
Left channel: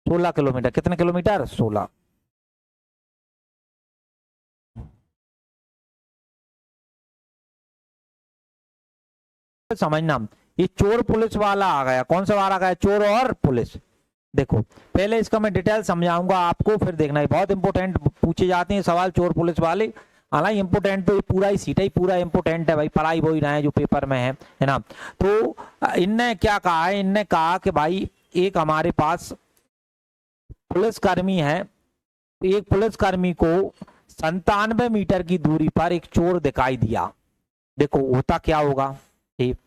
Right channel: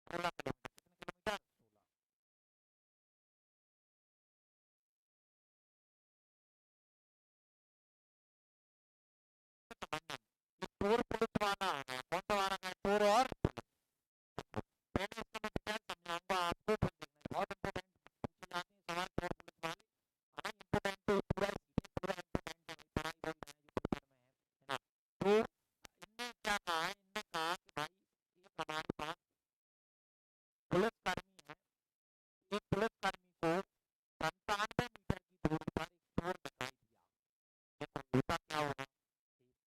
16 किलोमीटर, कितने किलोमीटर, 16। समझना, ये चोर पुलिस वाला आ गया, कौन सा वाला आ गया, चोर और पुलिस। देखो पहले इसका मैं डिटेल समझाऊंगा आपको, फिर देखना है, बहुत इंपोर्टेंट पूछे जाते हैं सवाल चोर पुलिस वाले। हालांकि इंपोर्टेंट तो ये पूरा ही सीट ही पूरा इंपोर्टेंट है भाई, पढ़ाई वो ही रहे जो पेपर में है ना। तो इनने क्या कहा है, इनने कहा कि भाई एक हमारे पास पुलिसकर्मी है, एक पुलिसकर्मी को 97 मीटर की दूरी पर एक चोर दिखाई दिया। देखो होता क्या होगा, ठीक,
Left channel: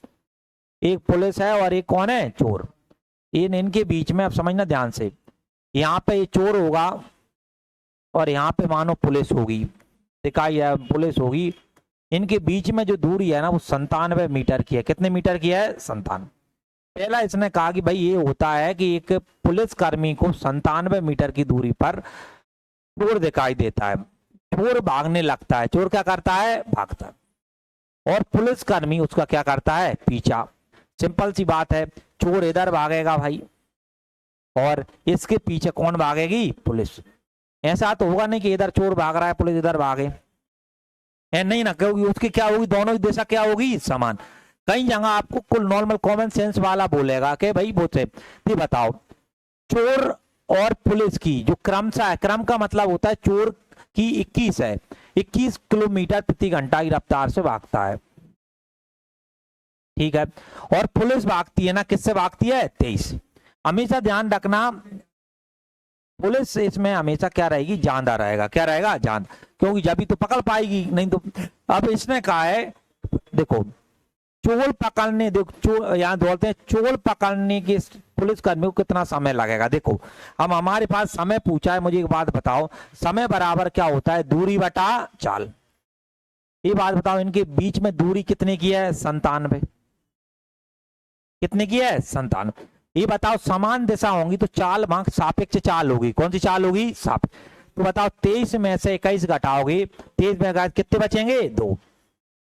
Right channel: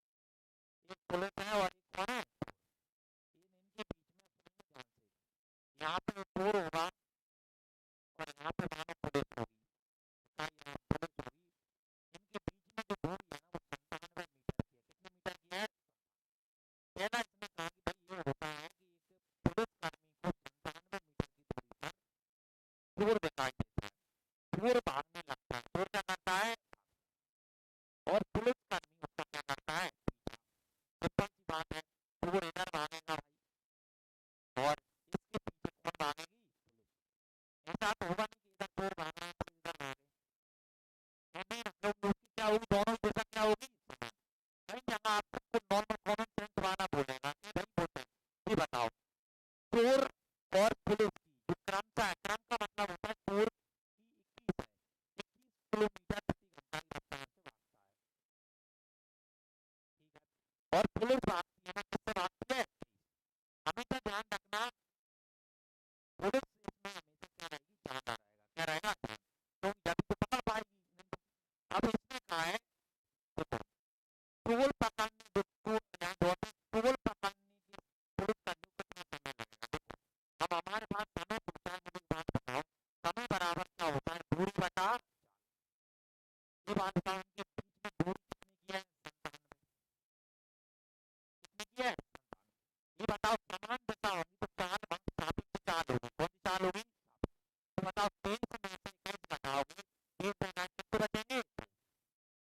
एक पुलिस है और एक कौन है, चोर। इनके बीच में अब समझना ध्यान से, यहाँ पे ये चोर होगा और यहाँ पे मानो पुलिस होगी, दिखाई है पुलिस होगी। इनके बीच में जो दूरी है ना, वो 97 मीटर की है। कितने मीटर की है, 97। पहला इसने कहा कि भाई ये होता है कि एक पुलिसकर्मी को 97 मीटर की दूरी पर चोर दिखाई देता है। चोर भागने लगता है, चोर क्या करता है, भागता है, और पुलिसकर्मी उसका क्या करता है, पीछा। सिंपल सी बात है, चोर इधर भागेगा भाई, और इसके पीछे कौन भागेगी, पुलिस। ऐसा तो होगा नहीं कि इधर चोर भाग रहा है पुलिस इधर भागे, है नहीं ना, क्योंकि उसकी क्या होगी, दोनों की दिशा क्या होगी, समान। कई जगह आपको कुल नॉर्मल कॉमन सेंस वाला बोलेगा कि भाई वो से ये बताओ, चोर और पुलिस की जो क्रमशः है, क्रम का मतलब होता है चोर की 21 है, 21 किलोमीटर प्रति घंटा की रफ्तार से भागता है, ठीक है। और पुलिस भागती है ना, किससे भागती है, 23। हमेशा ध्यान रखना, पुलिस इसमें हमेशा क्या रहेगी, जांदा रहेगा, क्या रहेगा, जांद, क्योंकि जब भी तो पकड़ पाएगी, नहीं तो। अब इसने कहा है, देखो चोर पकड़ने, देखो चोर यहाँ बोलते हैं, चोर पकड़ने के पुलिस कर्मी को कितना समय लगेगा। देखो हम हमारे पास समय पूछा है, मुझे एक बात बताओ, समय बराबर क्या होता है, दूरी बटा चाल। ये बात बताओ, इनके बीच में दूरी कितने की है, 97। कितने की है, 97। ये बताओ समान दिशा होंगी तो चाल वहां सापेक्ष चाल होगी, कौन सी चाल होगी, तो बताओ 23 में से 21 घटाओगे, 23 में कितने बचेंगे, 2।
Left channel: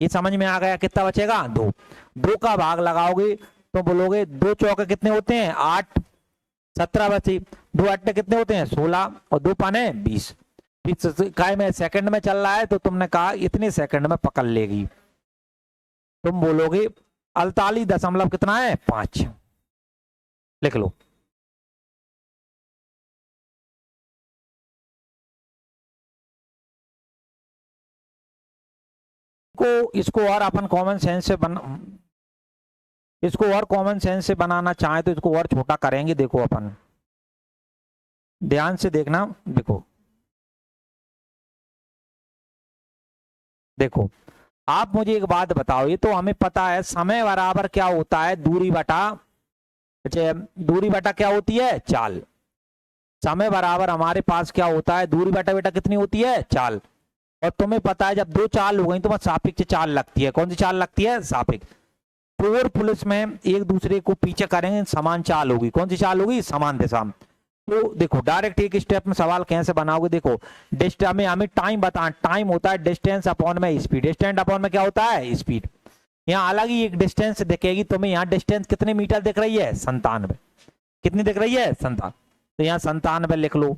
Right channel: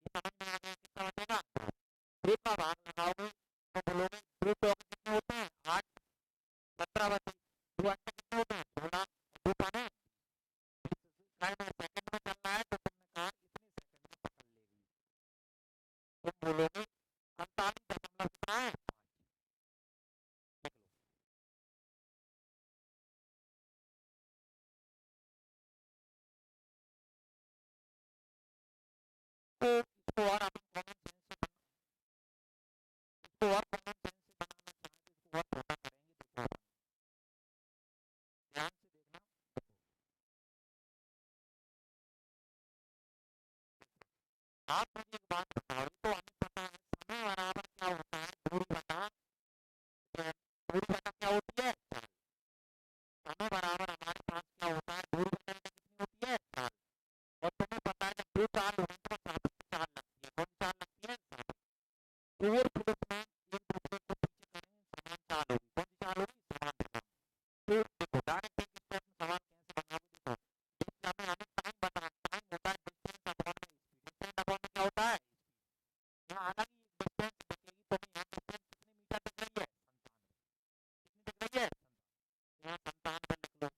ये समझ में आ गया, कितना बचेगा, 2। 2 का भाग लगाओगे तो बोलोगे 2 चौके कितने होते हैं, 8। 17 बचे, 2 अट्टे कितने होते हैं, 16, और 2 पाने 20। काय में सेकंड में चल रहा है, तो तुमने कहा इतने सेकंड में पकड़ लेगी, तुम बोलोगे 48 दशमलव कितना है, 5। लिख लो। इसको और अपन कॉमन सेंस से इसको और कॉमन सेंस से बनाना चाहें तो इसको और छोटा करेंगे। देखो अपन ध्यान से देखना, देखो देखो आप मुझे एक बात बताओ, ये तो हमें पता है समय बराबर क्या होता है, दूरी बटा, दूरी बटा क्या होती है, चाल। समय बराबर हमारे पास क्या होता है, दूरी बटा बेटा कितनी होती है, चाल। और तुम्हें पता है जब दो चाल हो गई तो सापेक्ष चाल लगती है। कौन सी चाल लगती है, सापेक्ष। चोर पुलिस में एक दूसरे को पीछे करेंगे, समान चाल होगी। कौन सी चाल होगी, समान दिशा में। तो देखो डायरेक्ट एक स्टेप में सवाल कैसे बनाओगे, देखो डिस्टेंस में हमें टाइम बताना, टाइम होता है डिस्टेंस अपॉन में स्पीड, डिस्टेंस अपॉन में क्या होता है, स्पीड। यहाँ अलग ही एक डिस्टेंस दिखेगी तुम्हें, यहाँ डिस्टेंस कितने मीटर दिख रही है, 97। कितनी दिख रही है, 97। तो यहाँ 97 लिख लो।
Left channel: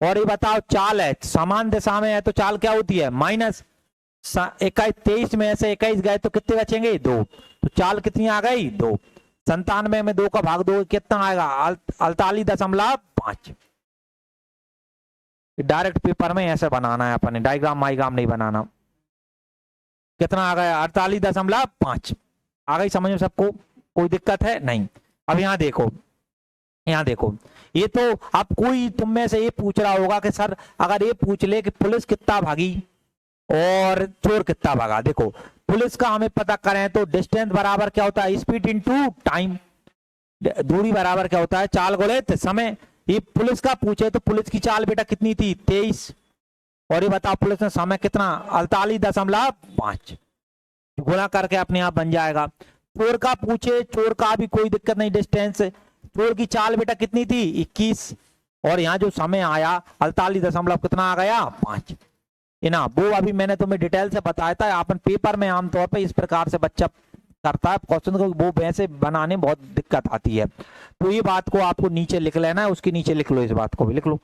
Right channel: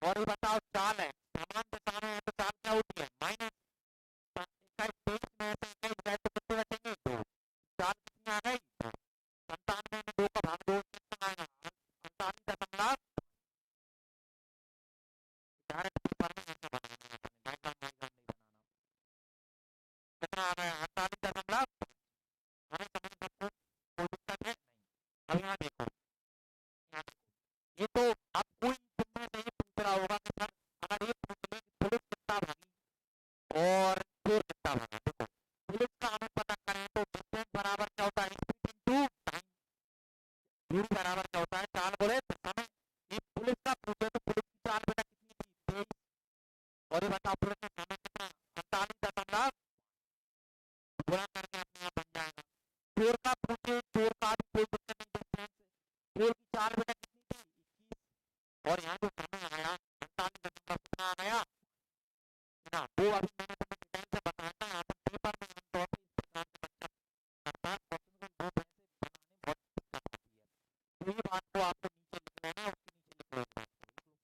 और ये बताओ चाल है, समान दिशा में है तो चाल क्या होती है, माइनस 21। 23 में से 21 गए तो कितने बचेंगे, 2। तो चाल कितनी आ गई, 2। 97 में 2 का भाग 2 कितना आएगा, 48.5। डायरेक्ट पेपर में ऐसे बनाना है अपने, डायग्राम माइग्राम नहीं बनाना। कितना आ गया, 48.5 आ गई समझ में सबको, कोई दिक्कत है नहीं। अब यहाँ देखो, यहाँ देखो, ये तो अब कोई तुम में से ये पूछ रहा होगा कि सर अगर ये पूछ ले कि पुलिस कितना भागी और चोर कितना भागा। देखो पुलिस का हमें पता करें तो डिस्टेंस बराबर क्या होता है, स्पीड इनटू टाइम। दूरी बराबर क्या होता है, चाल गुणित समय। ये पुलिस का पूछे तो पुलिस की चाल बेटा कितनी थी, 23। और ये बताओ पुलिस ने समय कितना, 48.5 गुणा करके अपने आप बन जाएगा। चोर का पूछे, चोर का भी कोई दिक्कत नहीं, डिस्टेंस, चोर की चाल बेटा कितनी थी, 21। और यहाँ जो समय आया 48 कितना आ गया, 5 ना। वो अभी मैंने तुम्हें डिटेल से बताया था। अपन पेपर में आमतौर पर इस प्रकार से बच्चा करता है क्वेश्चन को, वो वैसे बनाने में बहुत दिक्कत आती है। तो ये बात को आपको नीचे लिख लेना है, उसके नीचे लिख लो, इस बात को भी लिख लो।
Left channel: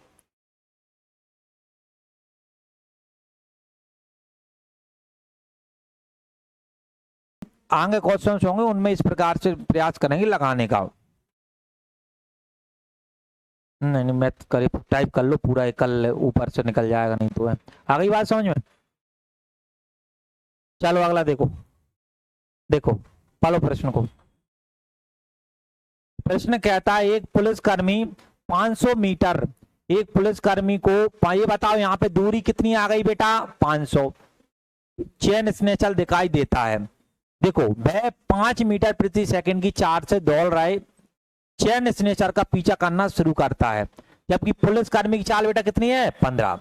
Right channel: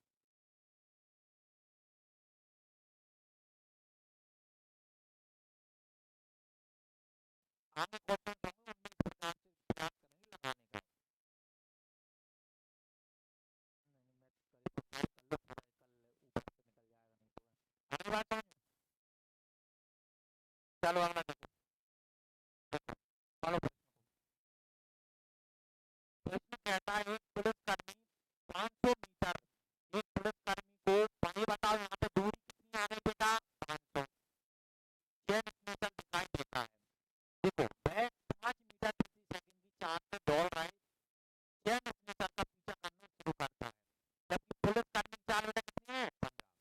आगे क्वेश्चन होंगे उनमें इस प्रकार से प्रयास करेंगे लगाने का। नहीं नहीं, मैं करीब टाइप कर लो पूरा, कल ऊपर से निकल जाएगा नहीं तो है। आ गई बात समझ में। चलो अगला देखो, देखो पढ़ो प्रश्न को। प्रश्न कहता है एक पुलिसकर्मी 500 मीटर, एक पुलिसकर्मी को, ये बताओ यहाँ पे दूरी कितनी आ गई बेटा, 500। चेन स्नेचर दिखाई देता है। देखो वह 5 मीटर प्रति सेकंड की चाल से दौड़ रहे चेन स्नेचर का पीछा करना शुरू करता है, जबकि पुलिसकर्मी की चाल बेटा कितनी है, 15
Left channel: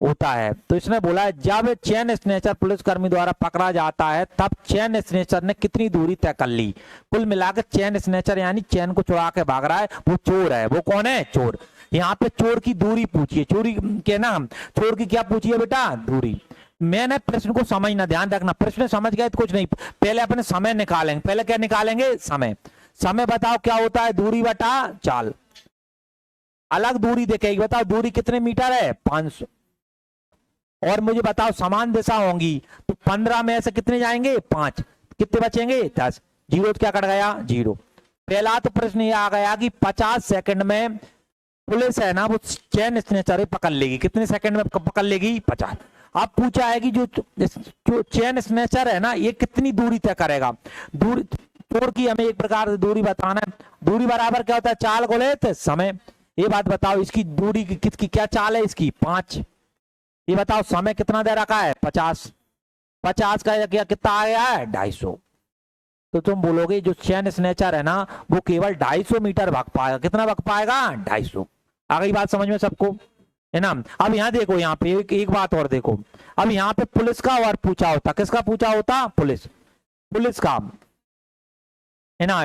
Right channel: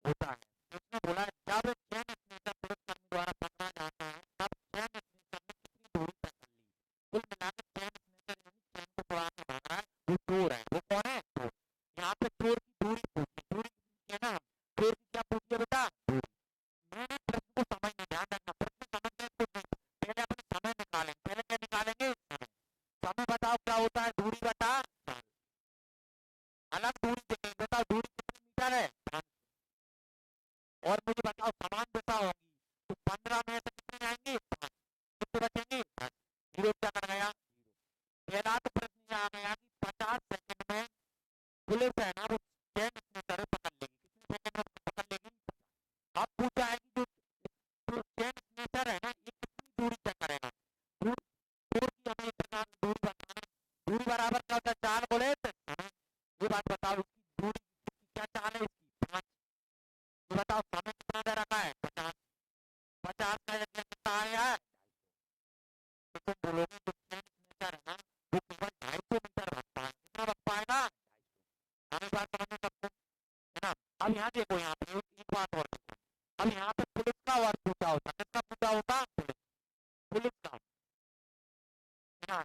होता है। तो इसने बोला है जब चेन स्नेचर पुलिसकर्मी द्वारा पकड़ा जाता है तब चेन स्नेचर ने कितनी दूरी तय कर ली। कुल मिलाकर चेन स्नेचर यानी चेन को चुरा के भाग रहा है, वो चोर है। वो कौन है, चोर। यहाँ पे चोर की दूरी पूछिए, चोरी के ना, चोर की क्या पूछिए बेटा, दूरी। मैंने प्रश्न को समझना, ध्यान रखना, प्रश्न समझ गए तो कुछ नहीं, पहले अपने समय निकालेंगे। पहले क्या निकालेंगे, समय। समय बताओ क्या होता है, दूरी बटा चाल। अलग दूरी देखेगी, बताओ दूरी कितने मीटर है, 500। और मुझे बताओ समान दिशा होंगी तो 15 में से कितने जाएंगे, 5, कितने बचेंगे, 10। जीरो क्या कट गया, जीरो। पहला तो प्रश्न ये आ गया कि 50 सेकंड में पुलिस है ना वो चेन स्नेचर पकड़ लेगी, कितने सेकंड में पकड़ लेगी, 50। अब पूछा है कि जो चेन स्नेचर है ना ये कितनी दूरी तय करेगा। दूरी चोर की हमें एक प्रकार से दूरी बताना है। दूरी बराबर क्या होता है, चाल गुणित समय। ये बात बताओ इसकी दूरी किसकी क्या चाल है, इसकी 5। ये बताओ समय कितना दे रखा है, 50। 50 का क्या कितना आ गया है, 250। तो तुम बोलोगे जो चेन स्नेचर है ना वो केवल 250 मीटर भाग पाएगा, कितना भाग पाएगा, 250। आ गई बात समझ में सबको, है ना। अब यहाँ देखो, यहाँ पे एक बात और देखो, अब यहाँ पे पुलिस का और पूछा होता, किसका पूछा होता, पुलिस, पुलिस का, है ना,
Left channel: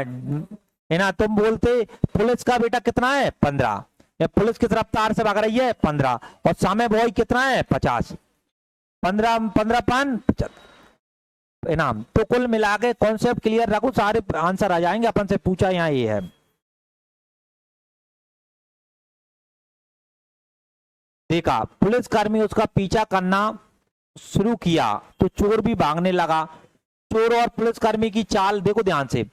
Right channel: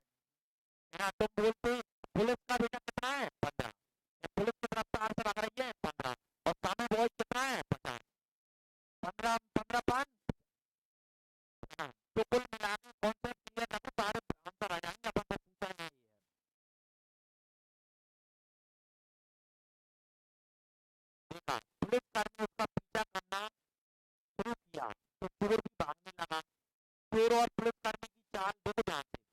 है ना। तुम बोलते पुलिस का बेटा कितना है, 15। या पुलिस किस रफ्तार से भाग रही है, 15, और समय बॉय कितना है, 50। 15 15 5 75, है ना। तो कुल मिला के कॉन्सेप्ट क्लियर रखो, सारे आंसर आ जाएंगे। अपन से पूछा यहाँ ये है, देखा पुलिसकर्मी उसका पीछा करना शुरू किया तो चोर भी भागने लगा। चोर और पुलिसकर्मी की चाल देखो ध्यान से,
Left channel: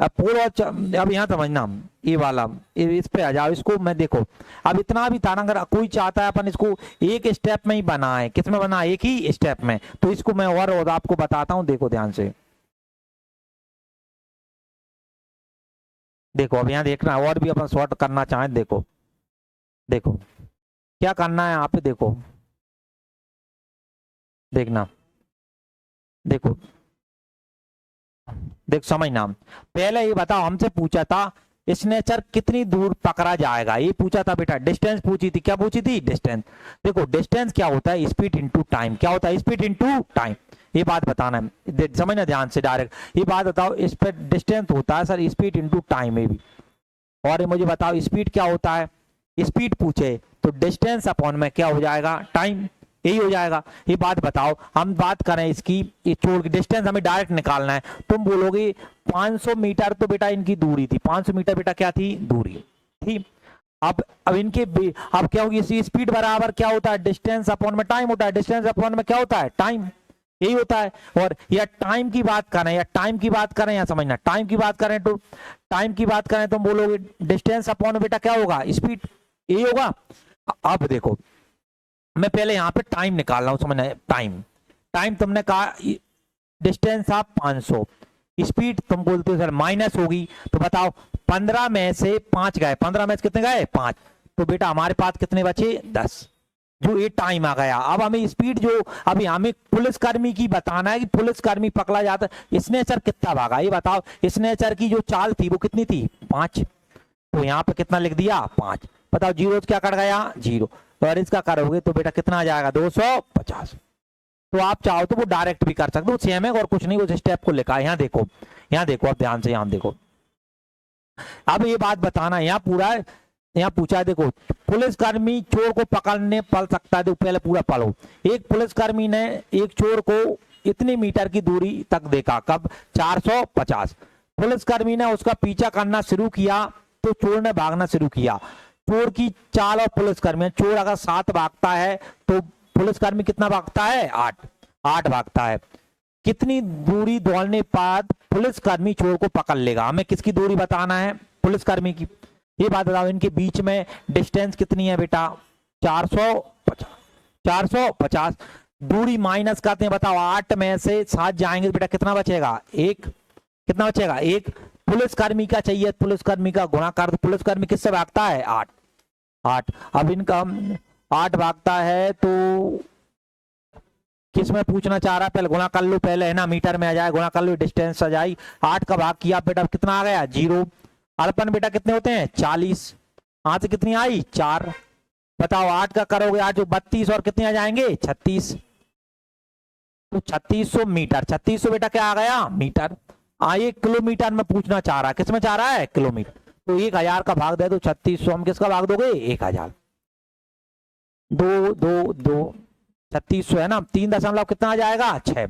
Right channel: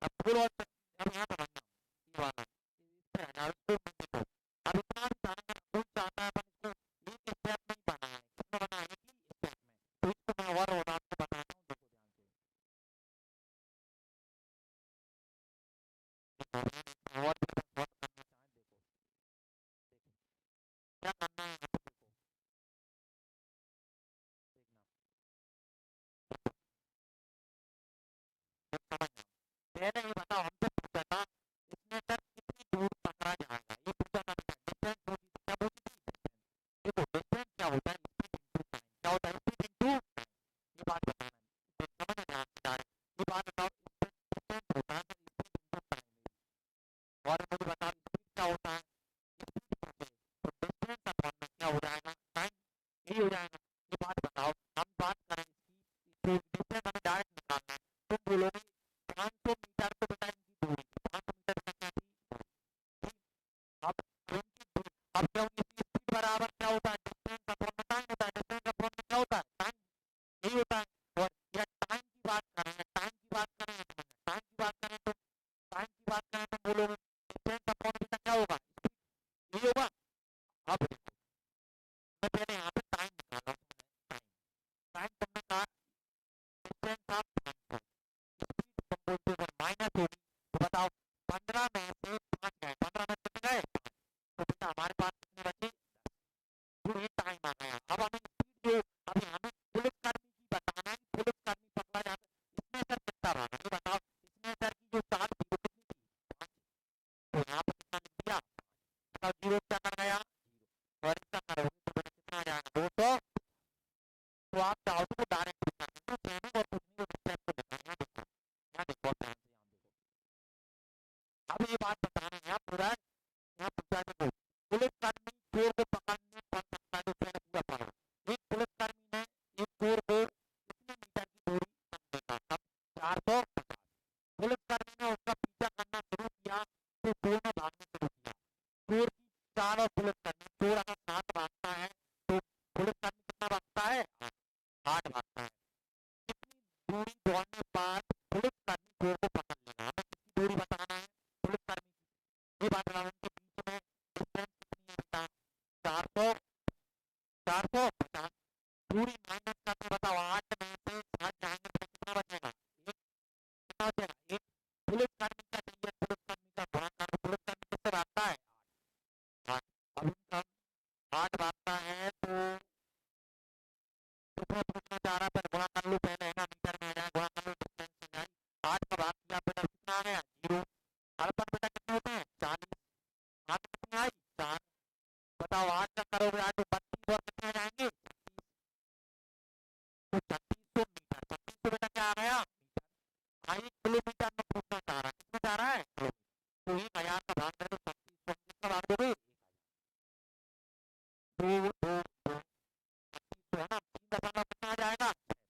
पोल और अब यहाँ समझना, ये वाला इस पे आ जाओ, इसको मैं देखो अब इतना भी था ना, अगर कोई चाहता है अपन इसको एक स्टेप में ही बनाए, किस में बना, एक ही स्टेप में, तो इसको मैं और आपको बताता हूँ, देखो ध्यान से, देखो अब यहाँ देखना और भी अपन शॉर्ट करना चाहें, देखो देखो क्या करना है यहाँ पे, देखो देखना, देखो देख समझना, पहले ये बताओ, हमसे पूछा था स्नेचर कितनी दूर पकड़ा जाएगा, ये पूछा था बेटा, डिस्टेंस पूछी थी, क्या पूछी थी, डिस्टेंस। देखो डिस्टेंस क्या होता है, स्पीड इनटू टाइम, क्या होता है, स्पीड इनटू टाइम, ये बात बताना है, समझना ध्यान से डायरेक्ट, ये बात बताओ, इस पर डिस्टेंस होता है सर स्पीड इनटू टाइम में भी, और ये मुझे बताओ स्पीड क्या होता है, स्पीड पूछे तो डिस्टेंस अपॉन में क्या हो जाएगा, टाइम, यही हो जाएगा। ये बात बताओ, हम बात करें इसकी, ये चोर की डिस्टेंस हमें डायरेक्ट निकालना है, तुम बोलोगे 500 मीटर तो बेटा इनकी दूरी थी, 500 मीटर बेटा क्या थी, दूरी थी। अब इनके अब क्या होगी, स्पीड बराबर क्या होता है, डिस्टेंस अपॉन में टाइम होता है, डिस्टेंस अपॉन में क्या होता है, टाइम, यही होता है। और या टाइम की बात करें, या टाइम की बात करें, या समझना टाइम की बात करें, तो टाइम की बात करें तो बोलोगे डिस्टेंस अपॉन बेटा क्या होगा, स्पीड, यही होगा। अब देखो मैं पहले यहाँ पे टाइम निकाल रहा हूँ, समझना, टाइम, टाइम तुमने कहा डिस्टेंस आप 500, स्पीड तुम बोलते हो सर माइनस होगी, तो बताओ 15 में से 5 गए, 15 में से कितने गए, 5, तो बेटा हमारे पास कितने बचे, 10, जो ये टाइम आ गया। अब हमें स्पीड जो अभी हमें पुलिसकर्मी की बताना है कि पुलिसकर्मी पकड़ा जाता है, स्नेचर कितना भागा, ये बताओ, स्नेचर की जो चाल थी वो कितनी थी, 5, तो यहाँ पे कितना लिख दिया, 5, बताओ जीरो क्या कट गया, 0, तो अगर इसका करोगे तो बेटा कितना आ जाएगा, 250। तो आप चाहो तो वो डायरेक्ट भी कर सकते हो, सेम है और कुछ नहीं, उस स्टेप को लिखा है, यहाँ देखो, यहाँ देखो, अब ध्यान से यहाँ देखो, अब ये बात बताना, यहाँ पूरा है, यहाँ पूछा है, देखो पुलिसकर्मी चोर को पकड़ने पड़ सकता है, पहले पूरा पढ़ो, एक पुलिसकर्मी ने एक चोर को इतनी मीटर की दूरी तक देखा, कब, 450, पुलिसकर्मी ने उसका पीछा करना शुरू किया तो चोर ने भागना शुरू किया, चोर की चाल और पुलिसकर्मी, चोर अगर 7 भागता है तो पुलिसकर्मी कितना भागता है, 8 भागता है, कितनी दूरी दौड़ने बाद पुलिसकर्मी चोर को पकड़ लेगा, हमें किसकी दूरी बताना है, पुलिसकर्मी की, ये बात बताओ, इनके बीच में डिस्टेंस कितनी है बेटा, 450, 450, दूरी माइनस करते हैं, बताओ 8 में से 7 जाएंगे तो बेटा कितना बचेगा, 1, कितना बचेगा, 1, पुलिसकर्मी का चाहिए, पुलिसकर्मी का गुणा कर दो, पुलिसकर्मी किससे भागता है, 8, अब इनका 8 भागता है तो किस में पूछना चाह रहा है, पहले गुणा कर लो, पहले है ना, मीटर में आ जाए, गुणा कर लो, डिस्टेंस आ जाए, 8 का भाग किया बेटा कितना आ गया, 0, अड़पन बेटा कितने होते हैं, 40, यहाँ से कितनी आई, 4, बताओ 8 का करोगे आज 32 और कितने आ जाएंगे, 36, तो 3600 मीटर, 3600 बेटा क्या आ गया, मीटर, 1 किलोमीटर में पूछना चाह रहा है, किस में चाह रहा है, किलोमीटर, तो 1000 का भाग दे दो 3600, हम किसका भाग दोगे, 1000, 2 2 2 3600 है ना, 3 दशमलव कितना आ जाएगा, 6,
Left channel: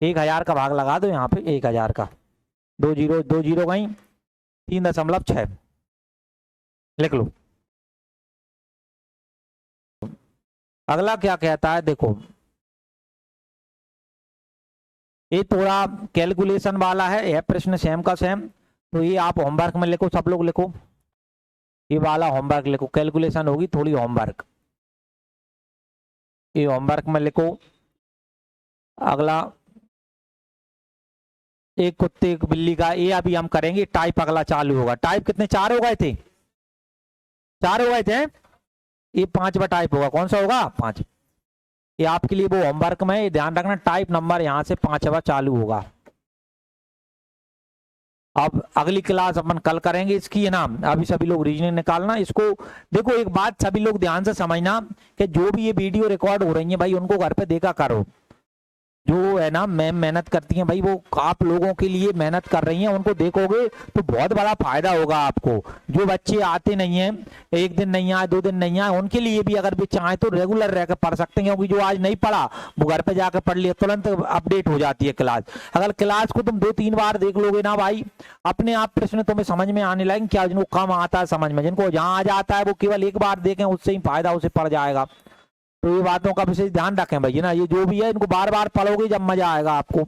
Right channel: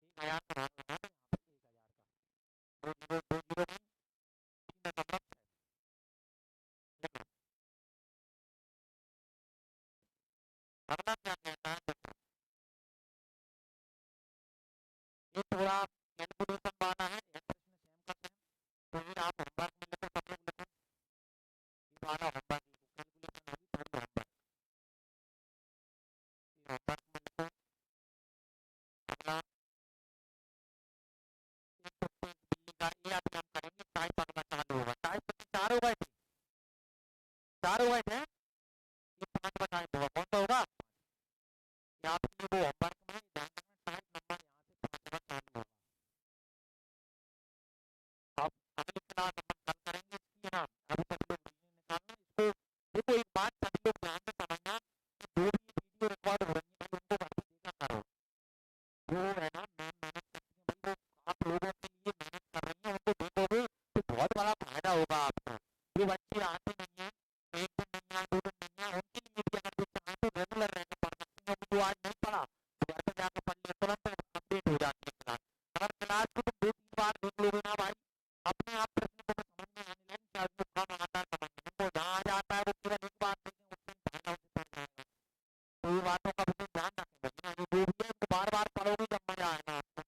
1000 का भाग लगा दो यहाँ पे, 1000 का 2 जीरो कहीं, 3.6 लिख लो। अगला क्या कहता है, देखो ये थोड़ा कैलकुलेशन वाला है, यह प्रश्न सेम का सेम, तो ये आप होमवर्क में लिखो, सब लोग लिखो, ये वाला होमवर्क लिखो, कैलकुलेशन होगी थोड़ी होमवर्क, ये होमवर्क में लिखो। अगला एक कुत्ते एक बिल्ली का, ये अभी हम करेंगे, टाइप अगला चालू होगा, टाइप कितने, 4 हो गए थे, 4 हो गए थे, ये 5वां टाइप होगा, कौन सा होगा, 5, ये आपके लिए वो होमवर्क में ध्यान रखना, टाइप नंबर यहाँ से 5वां चालू होगा। अब अगली क्लास अपन कल करेंगे इसकी, है ना, अभी सभी लोग रीजनिंग निकालना इसको। देखो एक बात सभी लोग ध्यान से समझना कि जो भी ये वीडियो रिकॉर्ड हो रही है भाई, उनको घर पे देखा करो, जो है ना मैम मेहनत करती हैं भाई, वो आप लोगों के लिए मेहनत कर रही हैं, उनको देखोगे तो बहुत बड़ा फायदा होगा आपको। जो बच्चे आते नहीं हैं, एक दिन नहीं आए, 2 दिन नहीं आए, उनके लिए भी अगर भी चाहे तो रेगुलर रहकर पढ़ सकते हैं, क्योंकि जो आज नहीं पढ़ा वो घर पे जाकर पढ़ लिया, तुरंत अपडेट हो जाती है क्लास। अगर क्लास को तुम 2-3 बार देख लोगे ना भाई, अपने आप प्रश्न तुम्हें समझ में आने लगेंगे, क्या जिनको कम आता है समझ में, जिनको जहाँ आ जाता है वो केवल एक बार देखें, उससे ही फायदा उसे पड़ जाएगा। तो ये बातों का विशेष ध्यान रखें भाई, ना ये जो भी है इनको बार बार पढ़ोगे जब मजा आएगा आपको।